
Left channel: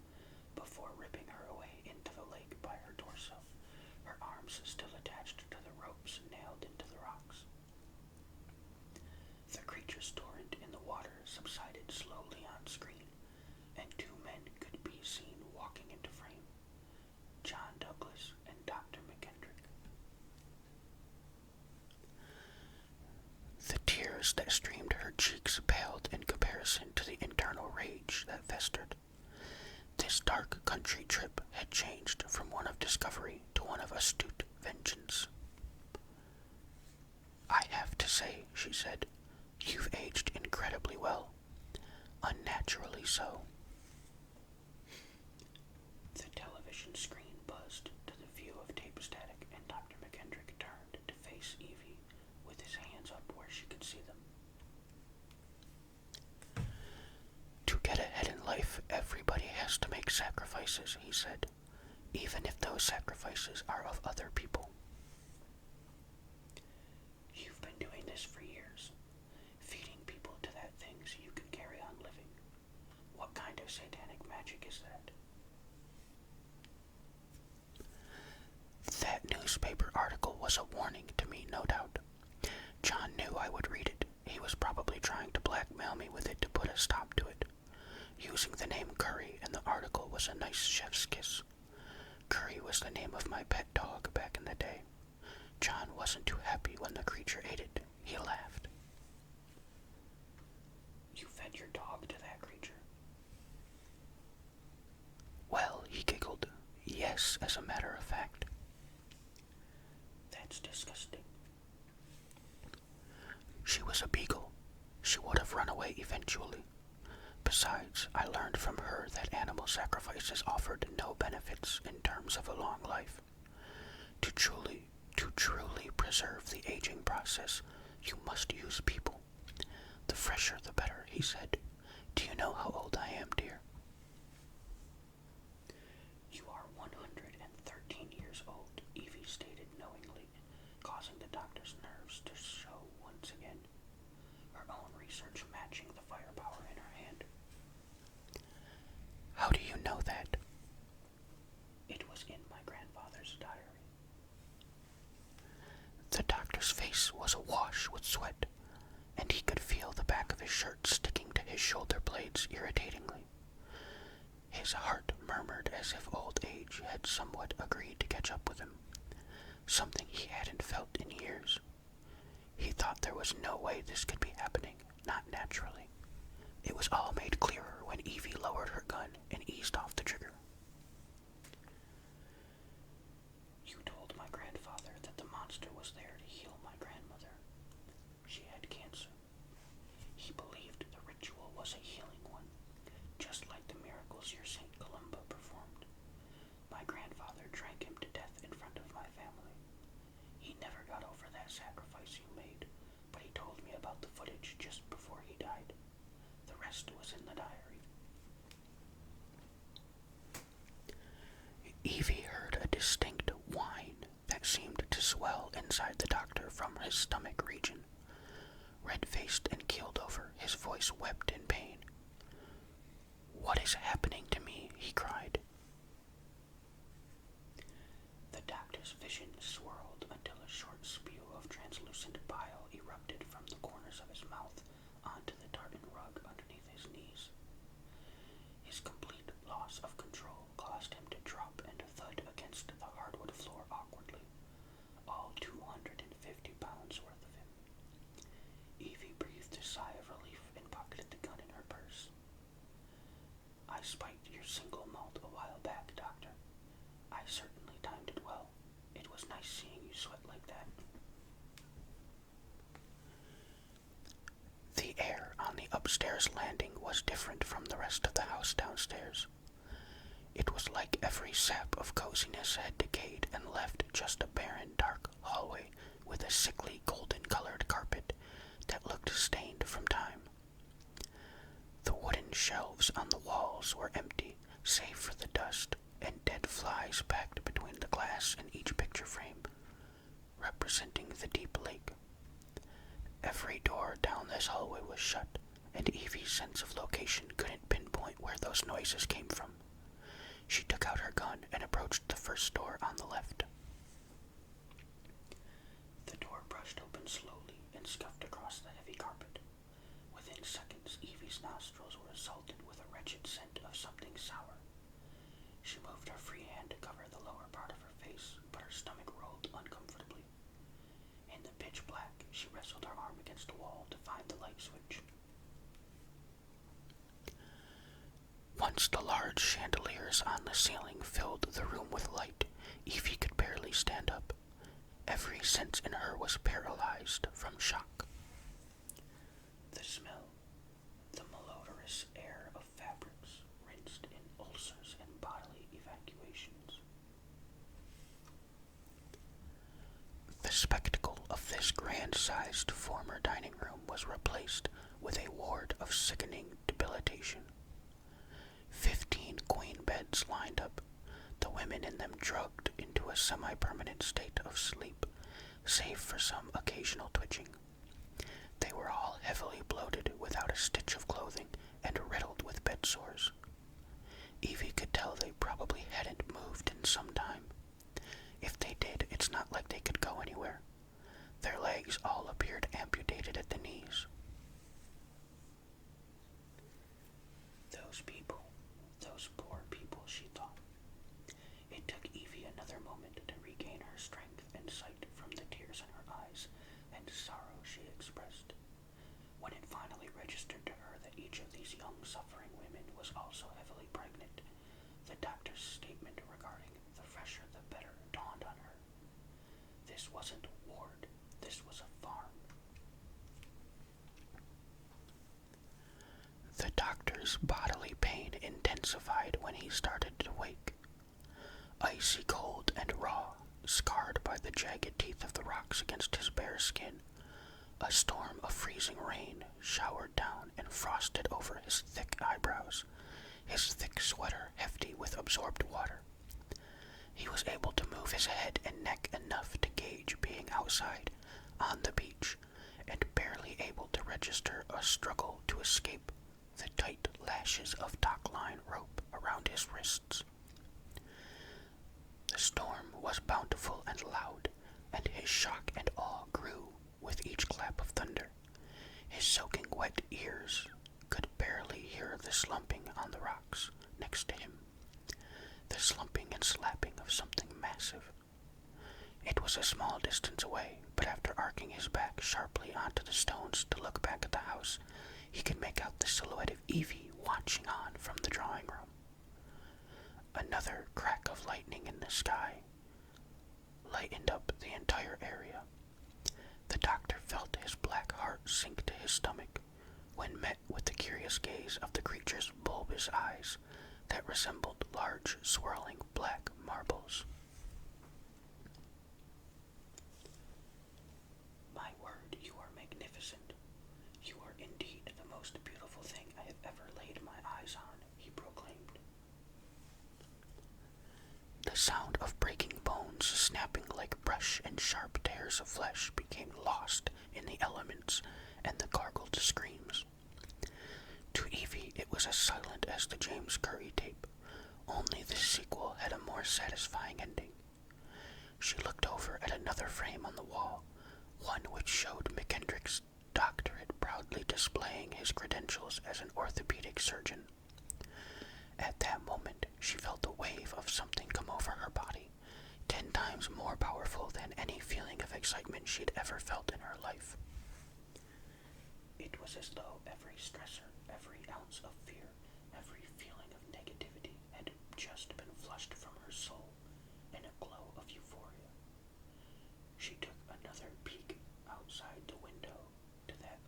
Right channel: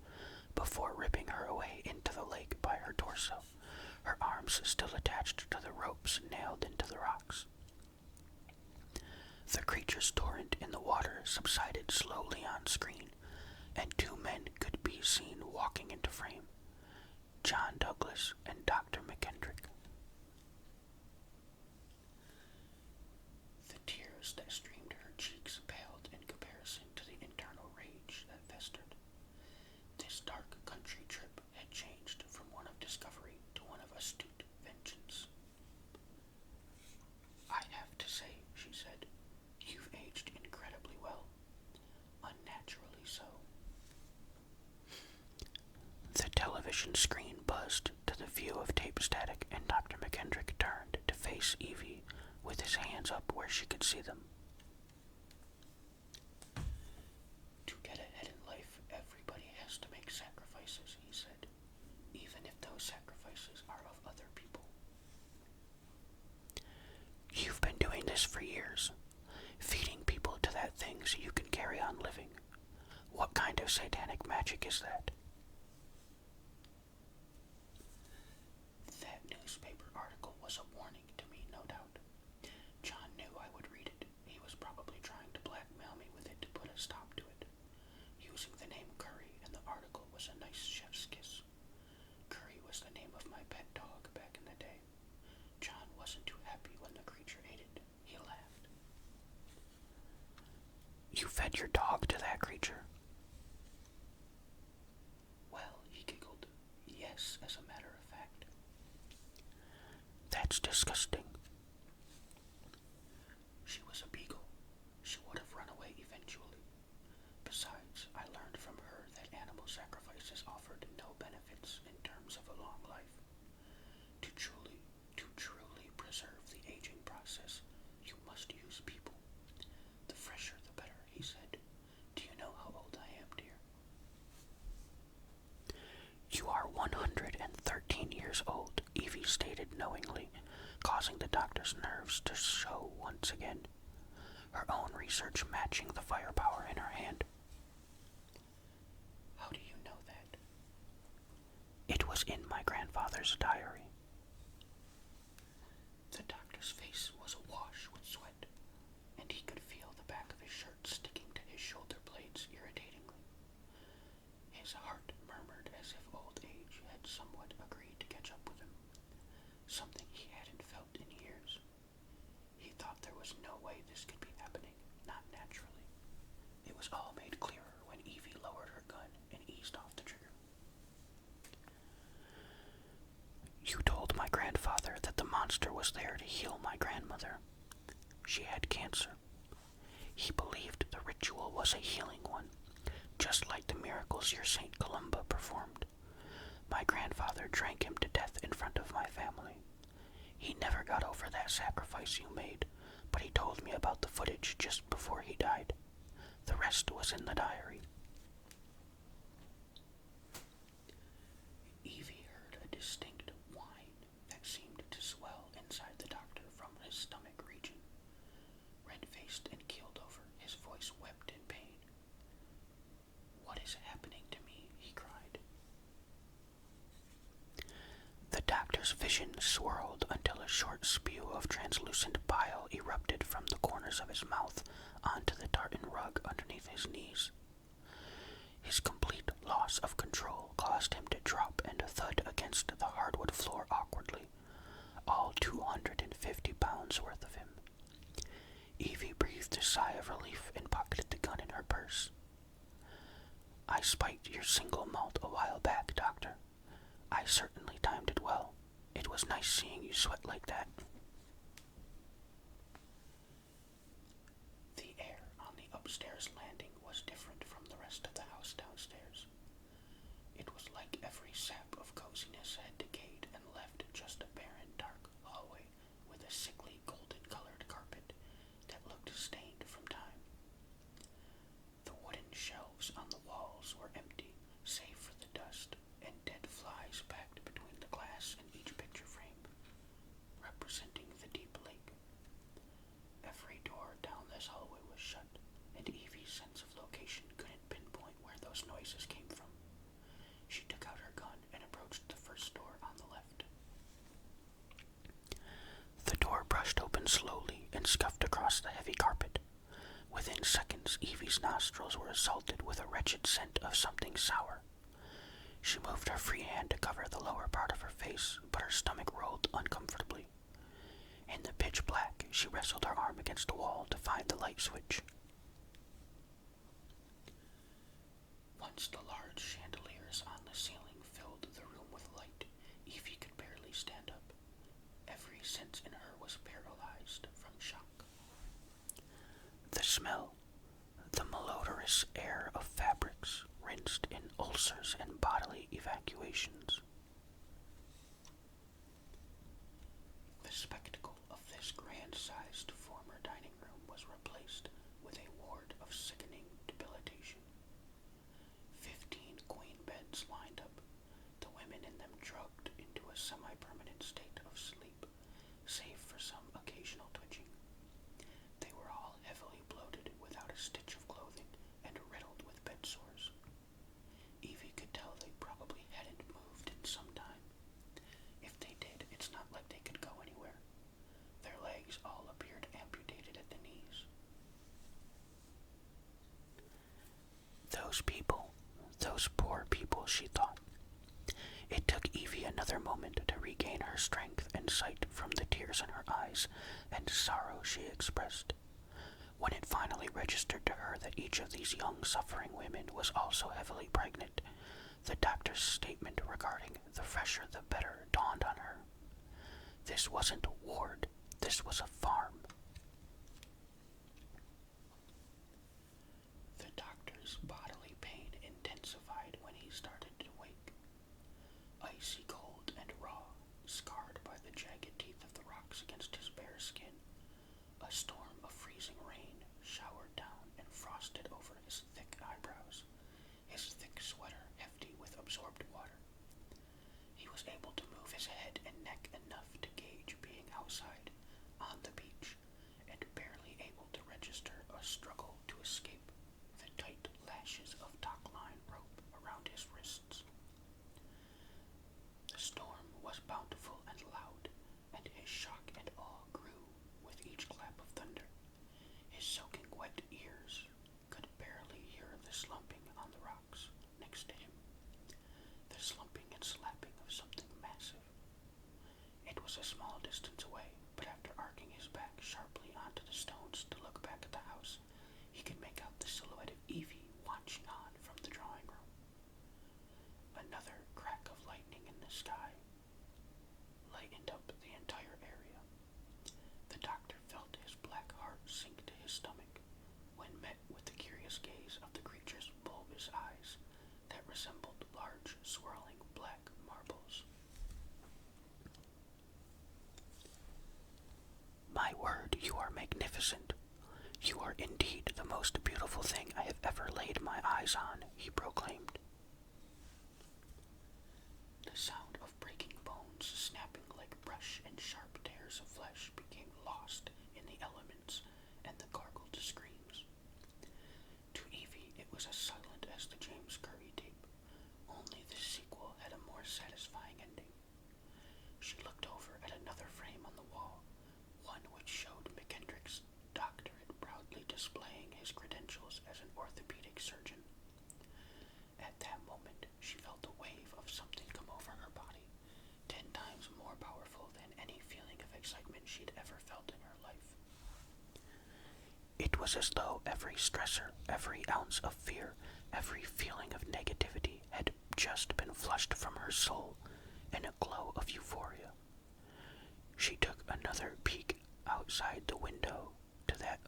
before ripping her away into the lake by her torso, her arms still attached to the ropes nailed into the rocks. The creature's torrent in the water subsided slowly on screen, and 2 men could be seen walking into frame, John Douglas and Dr. McKendrick. The tears that streamed her cheeks paled in comparison to the internal rage that festered. This dark country trip had changed from one of discovery to one of astute vengeance. I have to say, she said, you've aged incredibly well. Unnaturally so. The television screen buzzed to the view of tape static, and Dr. McKendrick turned to face Evie with his hands up where she could see them. To get ahead in life, everybody has to make sacrifices, he said, even if those sacrifices are of other people. You've been doing this for years, feeding people to that thing so you can carry on living. What kind of satanic magic is that? That newspaper article was a warning to me, no doubt. John knew I would read it. He was probably trying to blackmail me with it to put a stop to it. Using the name Curry in the article was a nice chef's kiss. Curry was the name of my pet dog back in the day. John wasn't too happy when the creature ate it. He laughed. You fed your dog to that creature? Well, he giggled. Yes, as a matter of fact. That's disgusting. She was a beagle. She would have run away eventually. Besides, I learned from her that animal sacrifices offered no benefits in terms of a long life. To truly preserve the aging process, you must use people. The fresher the better, he said. Do you know how old I am, dear? You are 113 years old, Evie stated knowingly, causing the doctor's nerves to show once again, her own research matching the firepower in her hand. How do you know that? It was in my grandfather's diary. The doctor's face was awash with sweat, and he could feel the back of his shirt sticking to his shoulder blades irritatingly. His heart murmured as if old age had somewhat agreed to catch up with him, something he hadn't felt in years. He thought there was no way this could be happening, not naturally. It was all made clearer when Evie lowered her gun and eased off the trigger. You told my grandfather that the monster was there to heal my grandmother. She had cancer. He believed the ritual was a healing one, just like the miracles your Saint Columba performed. My grandfather drank him to death in front of my family. He never got over that sacrifice you made, but he told me about the footage just before he died. The rest was in the diary. Evie heard a distinct whine that seemed to swell inside the doctor from his stomach region. Red-faced and keeled over, his voice wept in pain. What is happening to me? He cried. The doctor's vision swirled until a short spew of translucent bile erupted from the corners of his mouth onto the tartan rug underneath his knees. His complete loss of control caused him to drop and thud against the hardwood floor awkwardly, all 250 pounds worth of him. Evie breathed a sigh of relief and pocketed the gun in her purse. I spiked your single malt a while back, Doctor. I certainly timed it well. It was nice seeing you sweat like that. The air on the upstairs landing was different from the rest of the house downstairs. It was like every sap of coziness had decayed and left just a barren, dark hallway with a sickly golden-colored carpet that looked stained from time. The wooden shelves on the walls were empty, save for the dust and dead flies packed between the glass in each picture frame, representing the deep lake. Every door down this hallway was shut, and Evie's sense of location couldn't pinpoint where those noises came from. She took out her gun and approached the first door on the left. The door brushed open slowly and scuffed across the heavy carpet. Within seconds, Evie's nostrils were assaulted with a wretched scent of something sour. She moved her free hand to cover the lower part of her face, but her stomach rolled uncomfortably. In the pitch black, she wrestled her arm against a wall to find the light switch. Once the large chandeliers on the ceiling filled the room with light, Evie could barely stand up. Every sense in her was paralyzed from shock. The smell, the malodorous air of fabrics rinsed in ulcers and bodily evacuations. The spectacle of this grand-sized former dining room was replaced with a ward of sickening debilitation. 15 queen beds lined up, the women in them drugged into a semi-permanent state of sleep, save for some occasional twitching. They were all heavily bloated without a stitch of clothing and riddled with bed sores. Evie could tell they probably hadn't moved in some time. If they did, it's not like they could go anywhere. Their legs all appeared amputated at the knees. Those people, those poor people, she thought. It took Evie another moment to regain her strength and sight from the tears in her eyes and sorrow she expressed. When it finally registered to her that each of these young suffering women was also heavily pregnant, The doctor's statement regarding the fresher the better dawned on her. This wasn't a ward, this was a farm. The doctor's bodily pain intensified when he started to wake. Icy cold and raw, scarred by the jagged teeth of the rocks against his bare skin, a storm of freezing rain showered down and frosted over his thick eyebrows, his thick sweater hefty with absorbed water. He was able to move his head and neck enough to gauge being outside, on the beach, and barely able to register a struggle to escape the tight lashes of dock-line rope around his wrists. The storm was bountiful and loud, and his shock and awe grew with each clap of thunder. His soaking wet ears could barely hear the slumping on the rocks next to him, the slumping and slapping of something massive. It was a small distance away, but after arcing his back sharply onto the stones to look back at the house, he could make out the silhouette of Evie watching on from the drawing room. Another crack of lightning in the sky lightened up the entire area. The doctor felt his black heart sink to his stomach when met with the curious gaze of the creature's bulbous eyes that resembled large, swirling black marbles. "My word, you are magnificent. You are indeed the most beautiful thing I have ever laid my eyes on," he proclaimed. The sound of breaking bones snapping like brush and sharp tears of flesh became lost in the elements and the gargled screams. To Evie it was as silent as the James Curry tape, only this sequel had a more satisfying ending. She looked over at another frame on the wall, one which showed McKendrick's doctorate proudly displaying his credentials as an orthopedic surgeon. At that moment, she felt a wave of something come over her body, 10 times more powerful than any feeling of excitement she'd ever felt in her life. It was as though every stressor, every ounce of fear, every feeling of negativity had just been flushed from her soul in a glow of euphoria. She took another peek outside the window to that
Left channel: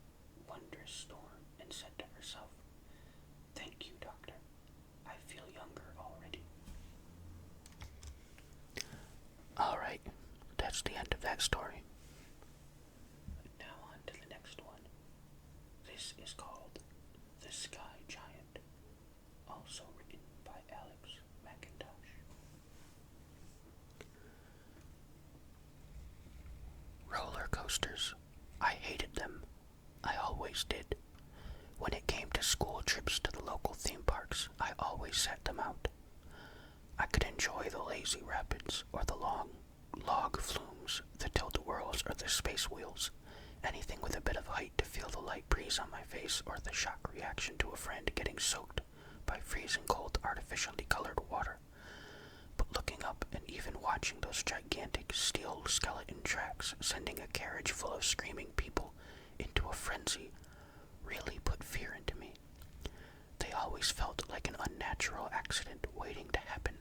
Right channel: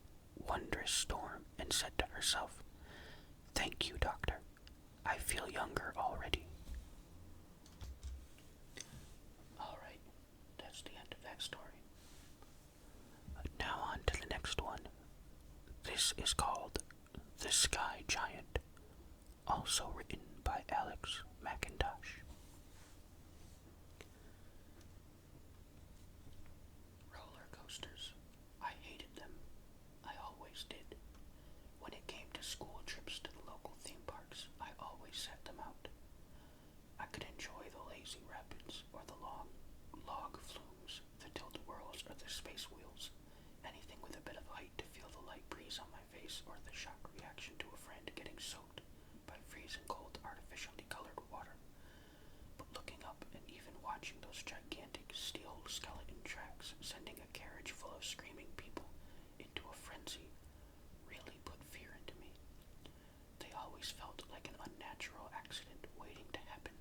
wondrous storm and said to herself, "Thank you, Doctor. I feel younger already." Alright, that's the end of that story. Now on to the next one. This is called The Sky Giant, also written by Alex McIntosh. Roller coasters. I hated them. I always did. When it came to school trips to the local theme parks, I always sat them out. I could enjoy the lazy rapids, or the long log flumes, the tilt-a-whirls, or the space wheels, anything with a bit of height to feel the light breeze on my face, or the shock reaction to a friend getting soaked by freezing cold artificially colored water. But looking up and even watching those gigantic steel skeleton tracks sending a carriage full of screaming people into a frenzy really put fear into me. They always felt like an unnatural accident waiting to happen.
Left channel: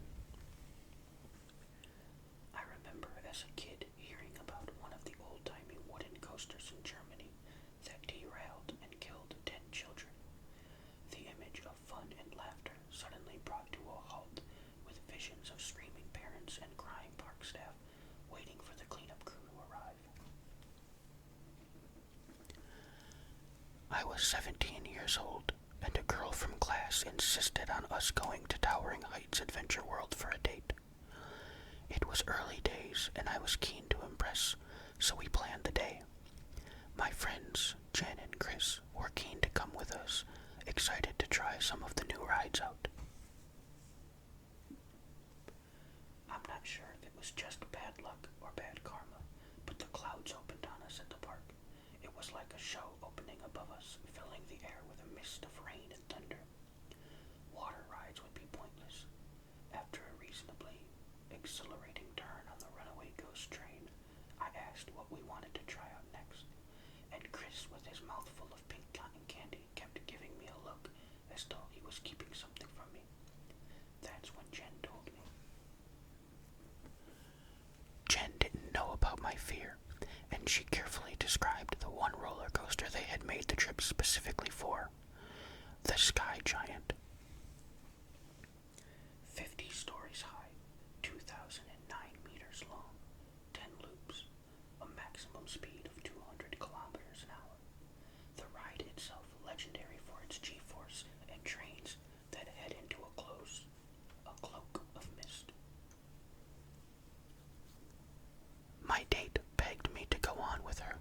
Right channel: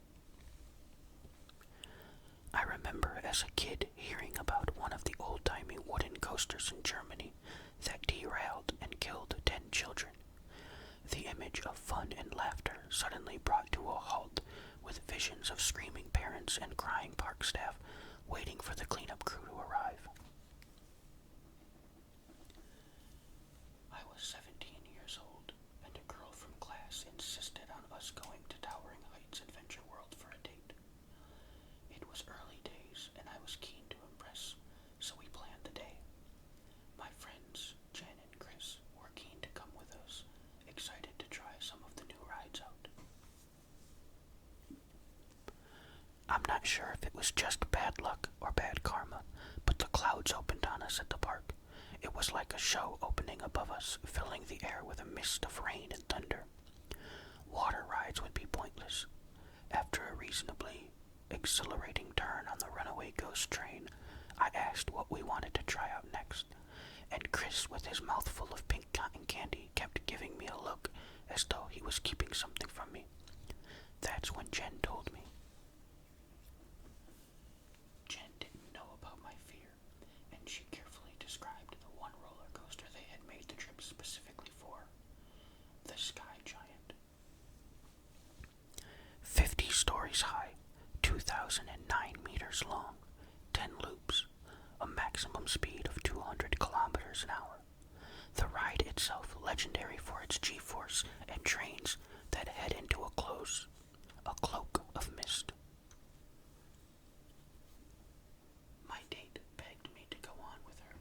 I remember as a kid hearing about one of the old-timey wooden coasters in Germany that derailed and killed 10 children. The image of fun and laughter suddenly brought to a halt, with visions of screaming parents and crying park staff waiting for the cleanup crew to arrive. I was 17 years old, and a girl from class insisted on us going to Towering Heights Adventure World for a date. It was early days, and I was keen to impress, so we planned the day. My friends, Jen and Chris, were keen to come with us, excited to try some of the new rides out. I'm not sure if it was just bad luck or bad karma, but the clouds opened on us at the park. It was like a show opening above us, filling the air with a mist of rain and thunder. Water rides would be pointless. After a reasonably exhilarating turn on the runaway ghost train, I asked what we wanted to try out next, and Chris, with his mouth full of pink cotton candy, kept giving me a look as though he was keeping something from me. That That's when Jen told me. Jen didn't know about my fear, and she carefully described the one roller coaster they had made the trip specifically for, the Sky Giant. 50 stories high, 2,009 meters long, 10 loops, a maximum speed of 200 kilometers an hour. The ride itself legendary for its G-force and trains that head into a cloak of mist. My date begged me to go on with her.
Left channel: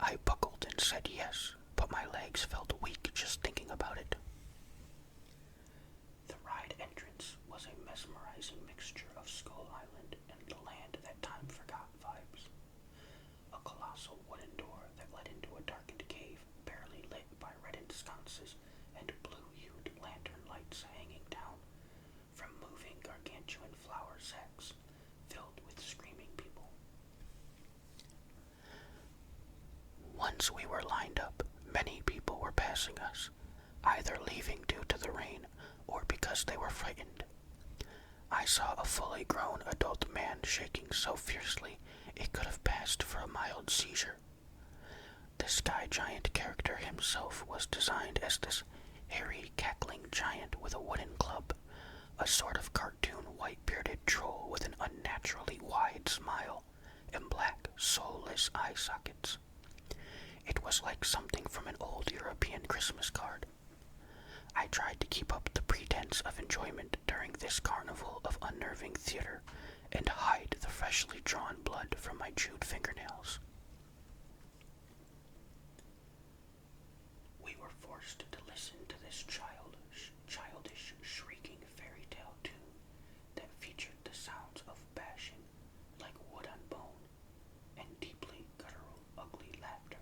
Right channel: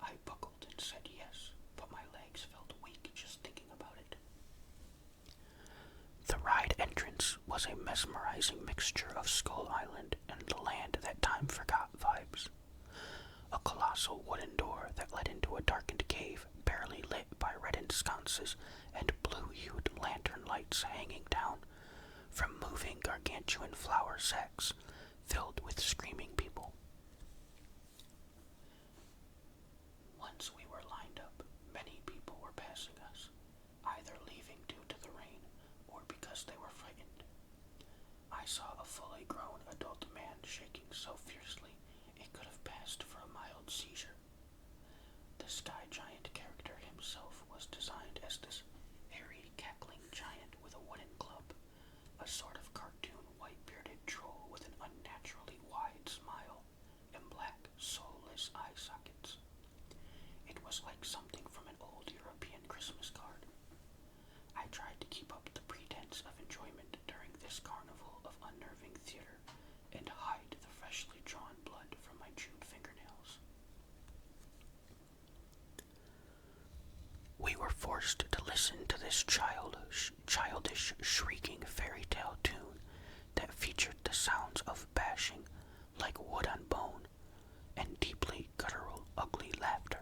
I buckled and said yes, but my legs felt weak just thinking about it. The ride entrance was a mesmerizing mixture of Skull Island and the land that time forgot vibes. A colossal wooden door that led into a darkened cave barely lit by reddened sconces and blue-hued lantern lights hanging down from moving gargantuan flour sacks filled with screaming people. Once we were lined up, many people were passing us, either leaving due to the rain or because they were frightened. I saw a fully grown adult man shaking so fiercely it could have passed for a mild seizure. The Sky Giant character himself was designed as this hairy, cackling giant with a wooden club, a sort of cartoon white-bearded troll with an unnaturally wide smile and black, soulless eye sockets. It was like something from an old European Christmas card. I tried to keep up the pretense of enjoyment during this carnival of unnerving theater and hide the freshly drawn blood from my chewed fingernails. We were forced to listen to this childish shrieking fairy tale tune that featured the sounds of bashing like wood on bone and deeply guttural, ugly laughter.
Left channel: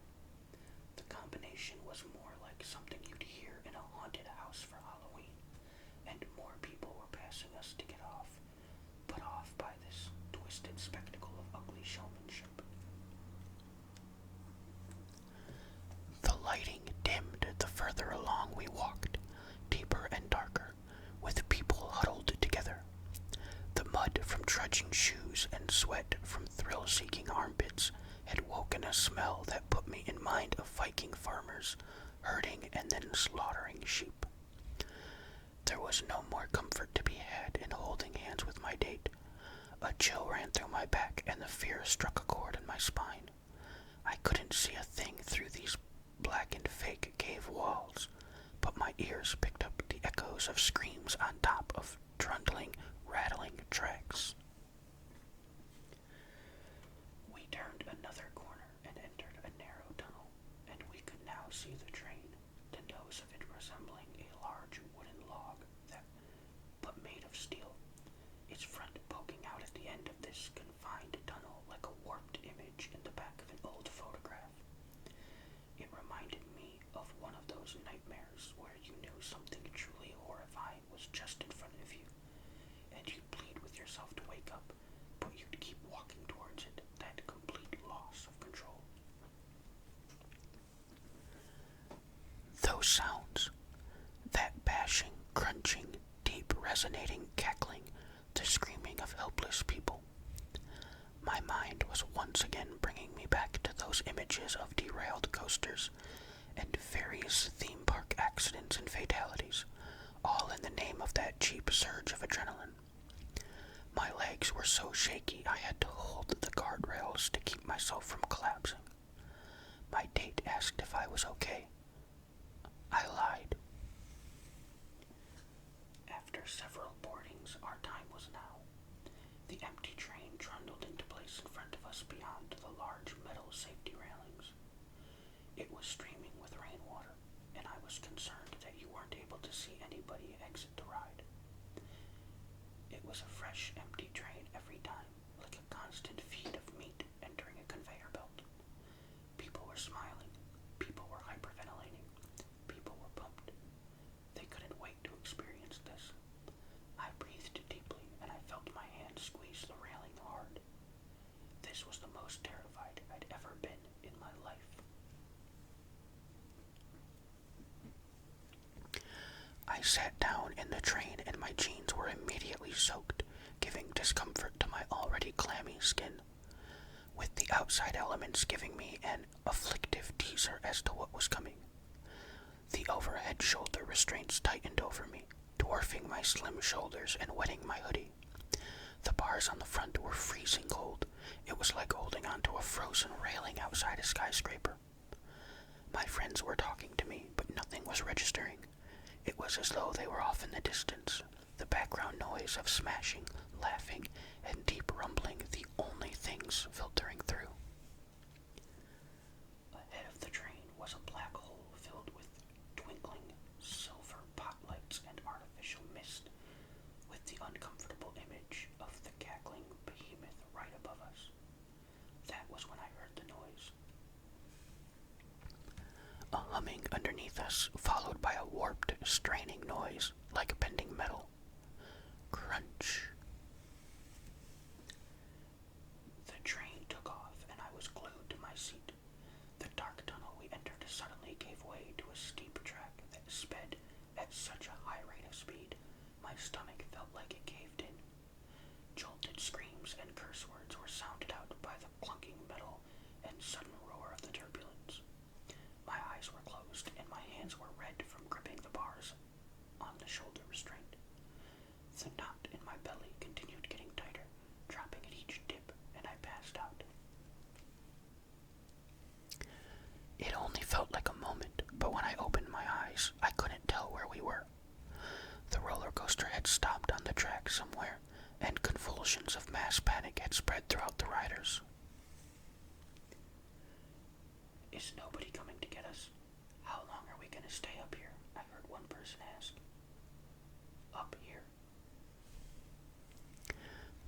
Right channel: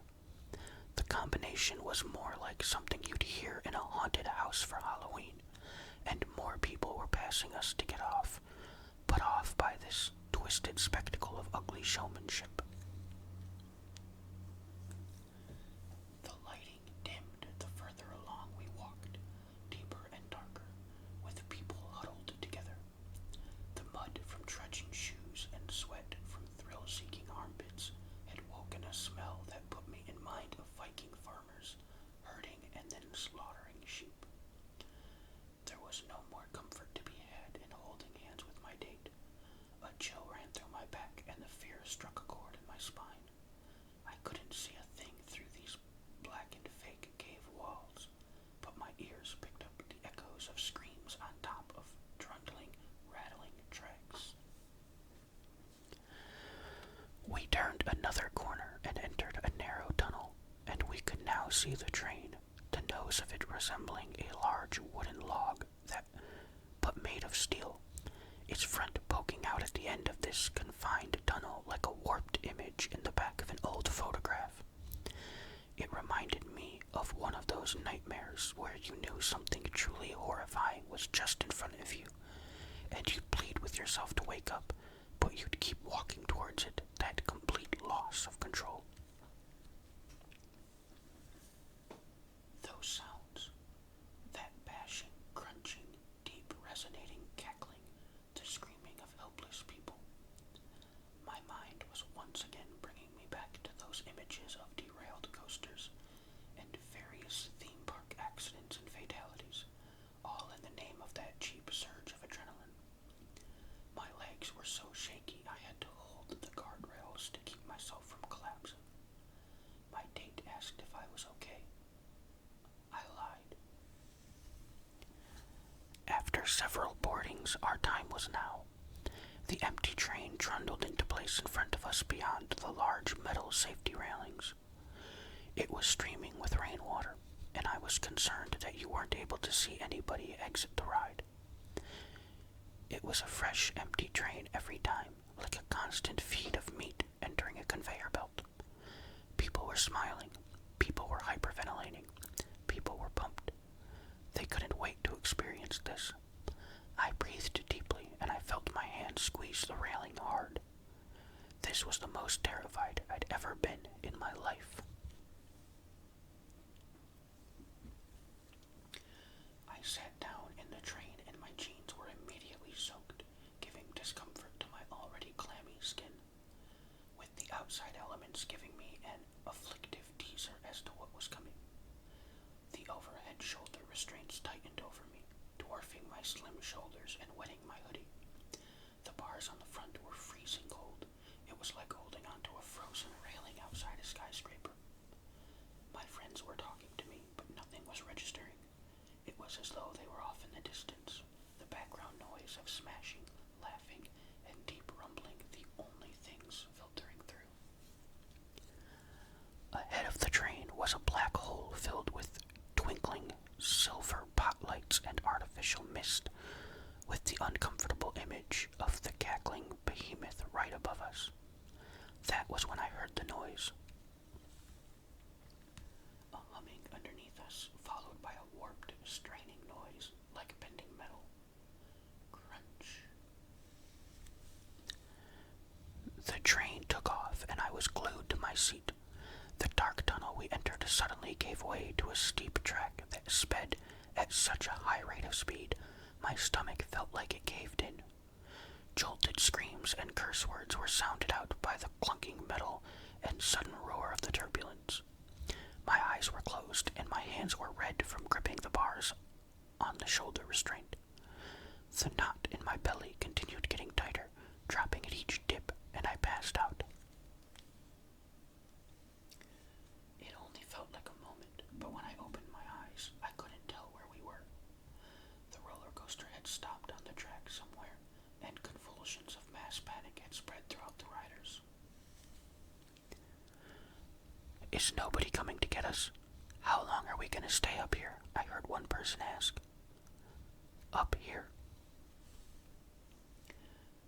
The combination was more like something you'd hear in a haunted house for Halloween, and more people were passing us to get off, put off by this twisted spectacle of ugly showmanship. The lighting dimmed the further along we walked, deeper and darker, with people huddled together. The mud from trudging shoes and sweat from thrill-seeking armpits had woken a smell that put me in mind of Viking farmers herding and then slaughtering sheep. There was no more comfort to be had in holding hands with my date. A chill ran through my back and the fear struck a chord in my spine. I couldn't see a thing through these blackened fake cave walls, but my ears picked up the echoes of screams on top of trundling, rattling tracks. We turned another corner and entered a narrow tunnel, and we could now see the train, the nose of it resembling a large wooden log but made of steel, its front poking out at the end of this confined tunnel like a warped image in the back of an old photograph. It reminded me of one of those nightmares where you knew something truly horrifying was just in front of you, and you'd plead with yourself to wake up, but you'd keep walking towards it, that complete loss of control. Those sounds, that bashing, crunching, deep resonating cackling, the screaming of helpless people. My mind was once again bringing me back to those images of derailed coasters and various theme park accidents and fatalities, all in the name of that cheap surge of adrenaline. My legs were so shaky I had to hold the guardrails to keep myself from collapsing. My date asked if I was okay. I lied. After several boardings, our time was now. The empty train trundled into place in front of us beyond the large metal safety railings. It was streaming with rainwater, and I was concerned that you weren't able to see anybody exit the ride. It was a fresh, empty train every time, like a constant feed of meat entering a conveyor belt. People were smiling. People were hyperventilating. People were pumped. They couldn't wait to experience this. I breathed deeply, and I felt my hand squeeze the railing hard. This was the most terrified I'd ever been in my life. I sat down in the train and my jeans were immediately soaked, giving discomfort to my already clammy skin, with the outside elements giving me an afflictive teaser as to what was coming. The overhead shoulder restraints tightened over me, dwarfing my slim shoulders and wetting my hoodie. The bars on the front were freezing cold. It was like holding onto a frozen railing outside a skyscraper. My friends were talking to me, but nothing was registering. It was as though they were off in the distance, the background noise of smashing, laughing, and deep rumbling the only things filtering through. Ahead of the train was a black hole filled with twinkling silver spotlights and artificial mist, with the uncomfortable image of the cackling behemoth right above us. That was when I heard the noise. A humming underneath us, followed by a warped, straining noise, like bending metal. Crunch. The train took off, and I was glued to my seat. The dark tunnel we entered suddenly gave way to a steep track that sped at such a high rate of speed, my stomach felt like it caved in. Jolted screams and curse words were sounded out by the clunking metal and sudden roar of the turbulence. My eyes were closed, and my hands were red from gripping the bars on the shoulder restraint. The knot in my belly continued getting tighter, dropping at each dip, and I passed out. It only felt like a moment, but when I opened my eyes, I couldn't tell where we were. The roller coaster had stopped on the track somewhere, and convulsions of mass panic had spread throughout the riders. Is nobody coming to get us? How long are we going to stay up here? I heard one person ask. Up here.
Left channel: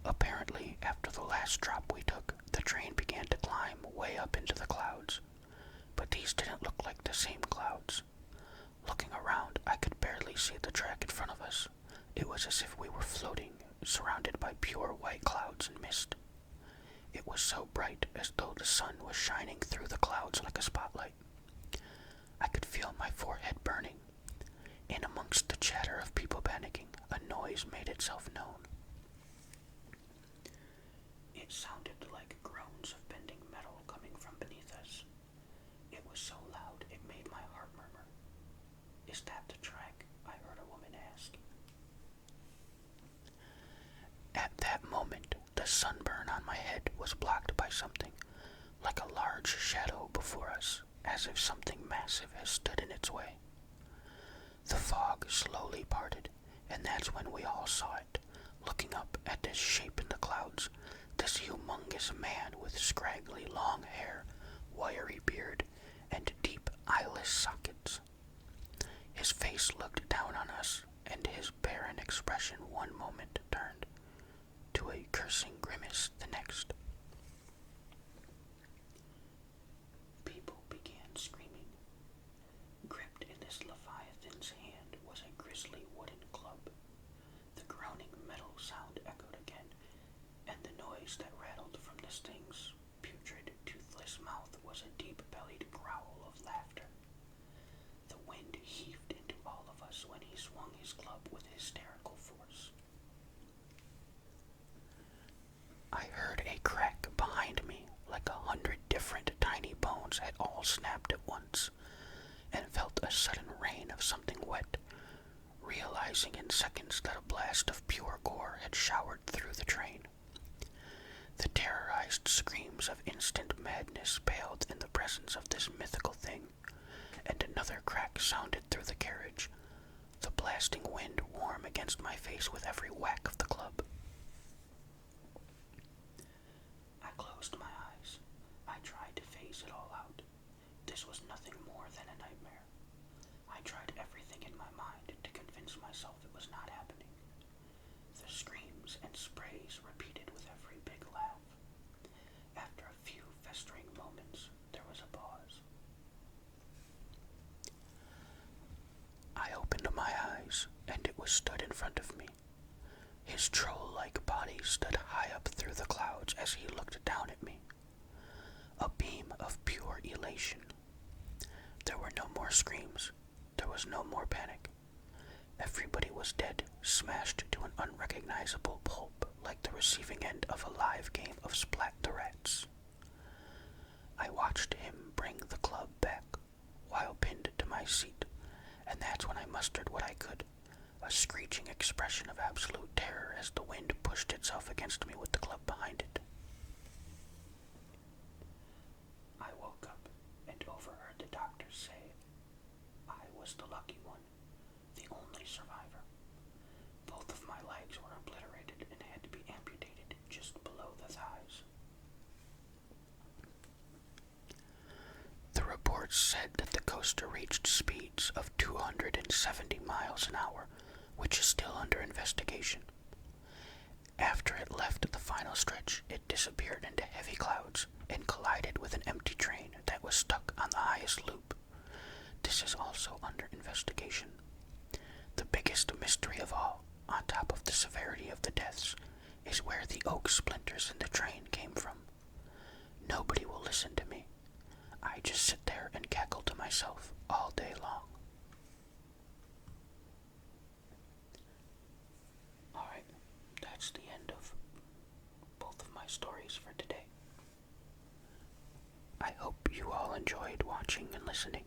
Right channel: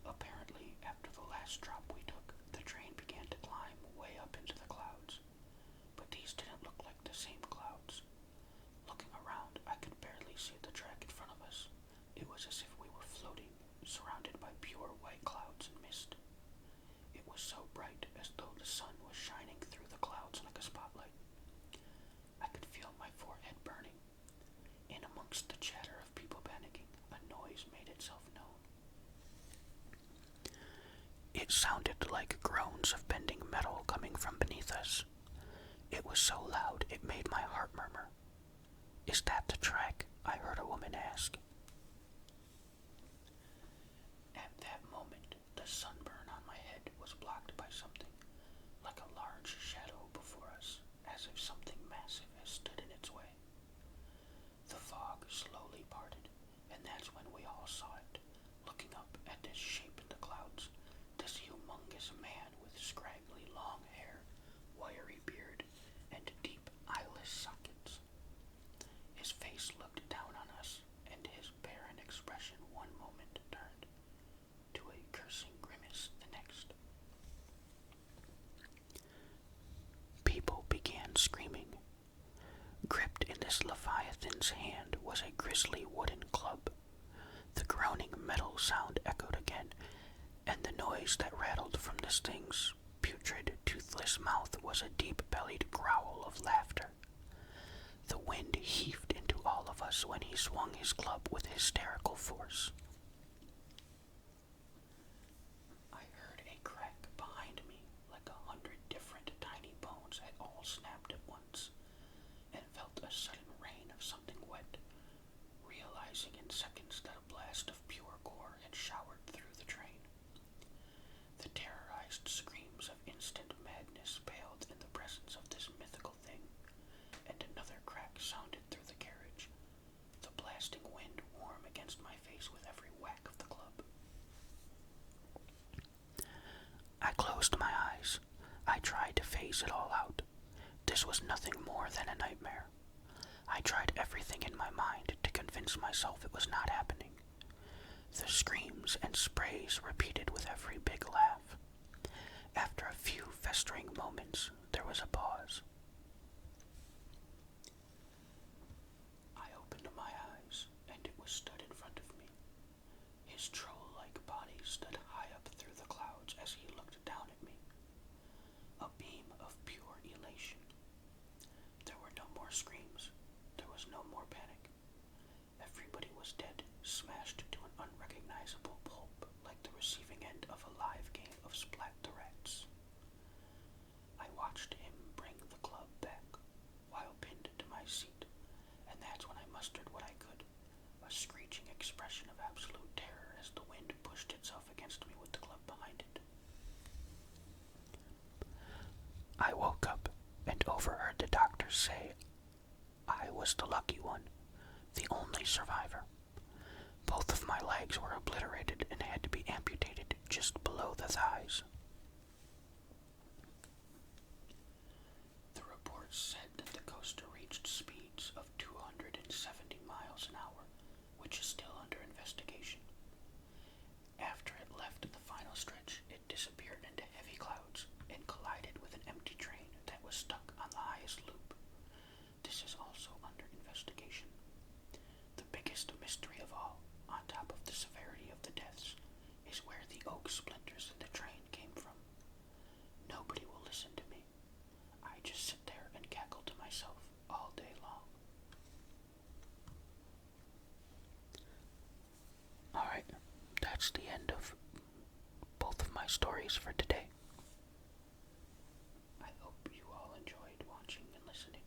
Apparently, after the last drop we took, the train began to climb way up into the clouds. But these didn't look like the same clouds. Looking around, I could barely see the track in front of us. It was as if we were floating, surrounded by pure white clouds and mist. It was so bright, as though the sun was shining through the clouds like a spotlight. I could feel my forehead burning. In amongst the chatter of people panicking, a noise made itself known. It sounded like groans of bending metal coming from beneath us. It was so loud it made my heart murmur. Is that the track? I heard a woman ask. At that moment, the sunburn on my head was blocked by something, like a large shadow before us, as if something massive has stood in its way. The fog slowly parted, and that's when we all saw it, looking up at this shape in the clouds, this humongous man with scraggly long hair, wiry beard, and deep eyeless sockets. His face looked down on us, and his barren expression one moment turned to a cursing grimace the next. People began screaming. Gripped in this leviathan's hand was a grisly wooden club. The groaning metal sound echoed again, and the noise that rattled from this thing's putrid, toothless mouth was a deep-bellied growl of laughter. The wind heaved into all of us when he swung his club with hysterical force. I heard a crack behind me, like 100 different tiny bones had all snapped at once, and felt a sudden rain of something wet, realizing in seconds that a blast of pure gore had showered through the train. The terrorized screams of instant madness paled in the presence of this mythical thing, and another crack sounded through the carriage, the blasting wind warm against my face with every whack of the club. I closed my eyes. I tried to phase it all out. This was nothing more than a nightmare. I tried everything in my mind to convince myself it was not happening. The screams and sprays repeated with every big laugh. After a few festering moments, there was a pause. I opened my eyes, and it was stood in front of me. His troll-like body stood high up through the clouds as he looked down at me. A beam of pure elation. There were no more screams. There was no more panic. Everybody was dead, smashed to an unrecognizable pulp like the receiving end of a live game of Splat the Rats. I watched him bring the club back, while pinned to my seat, and that's when I mustered what I could, a screeching expression of absolute terror as the wind pushed itself against me with the club behind it. I woke up and overheard the doctor say I was the lucky one, the only survivor. Both of my legs were obliterated and had to be amputated just below the thighs. The reports said that the coaster reached speeds of 270 miles an hour, which is still under investigation. After it left the final stretch, it disappeared into heavy clouds and collided with an empty train that was stuck on the highest loop. This is also under investigation. The biggest mystery of all, on top of the severity of the deaths, is where the oak splinters in the train came from. Nobody will listen to me. I just sit there and cackle to myself all day long. Alright, that's the end of both of my stories for today. I hope you all enjoyed watching and listening.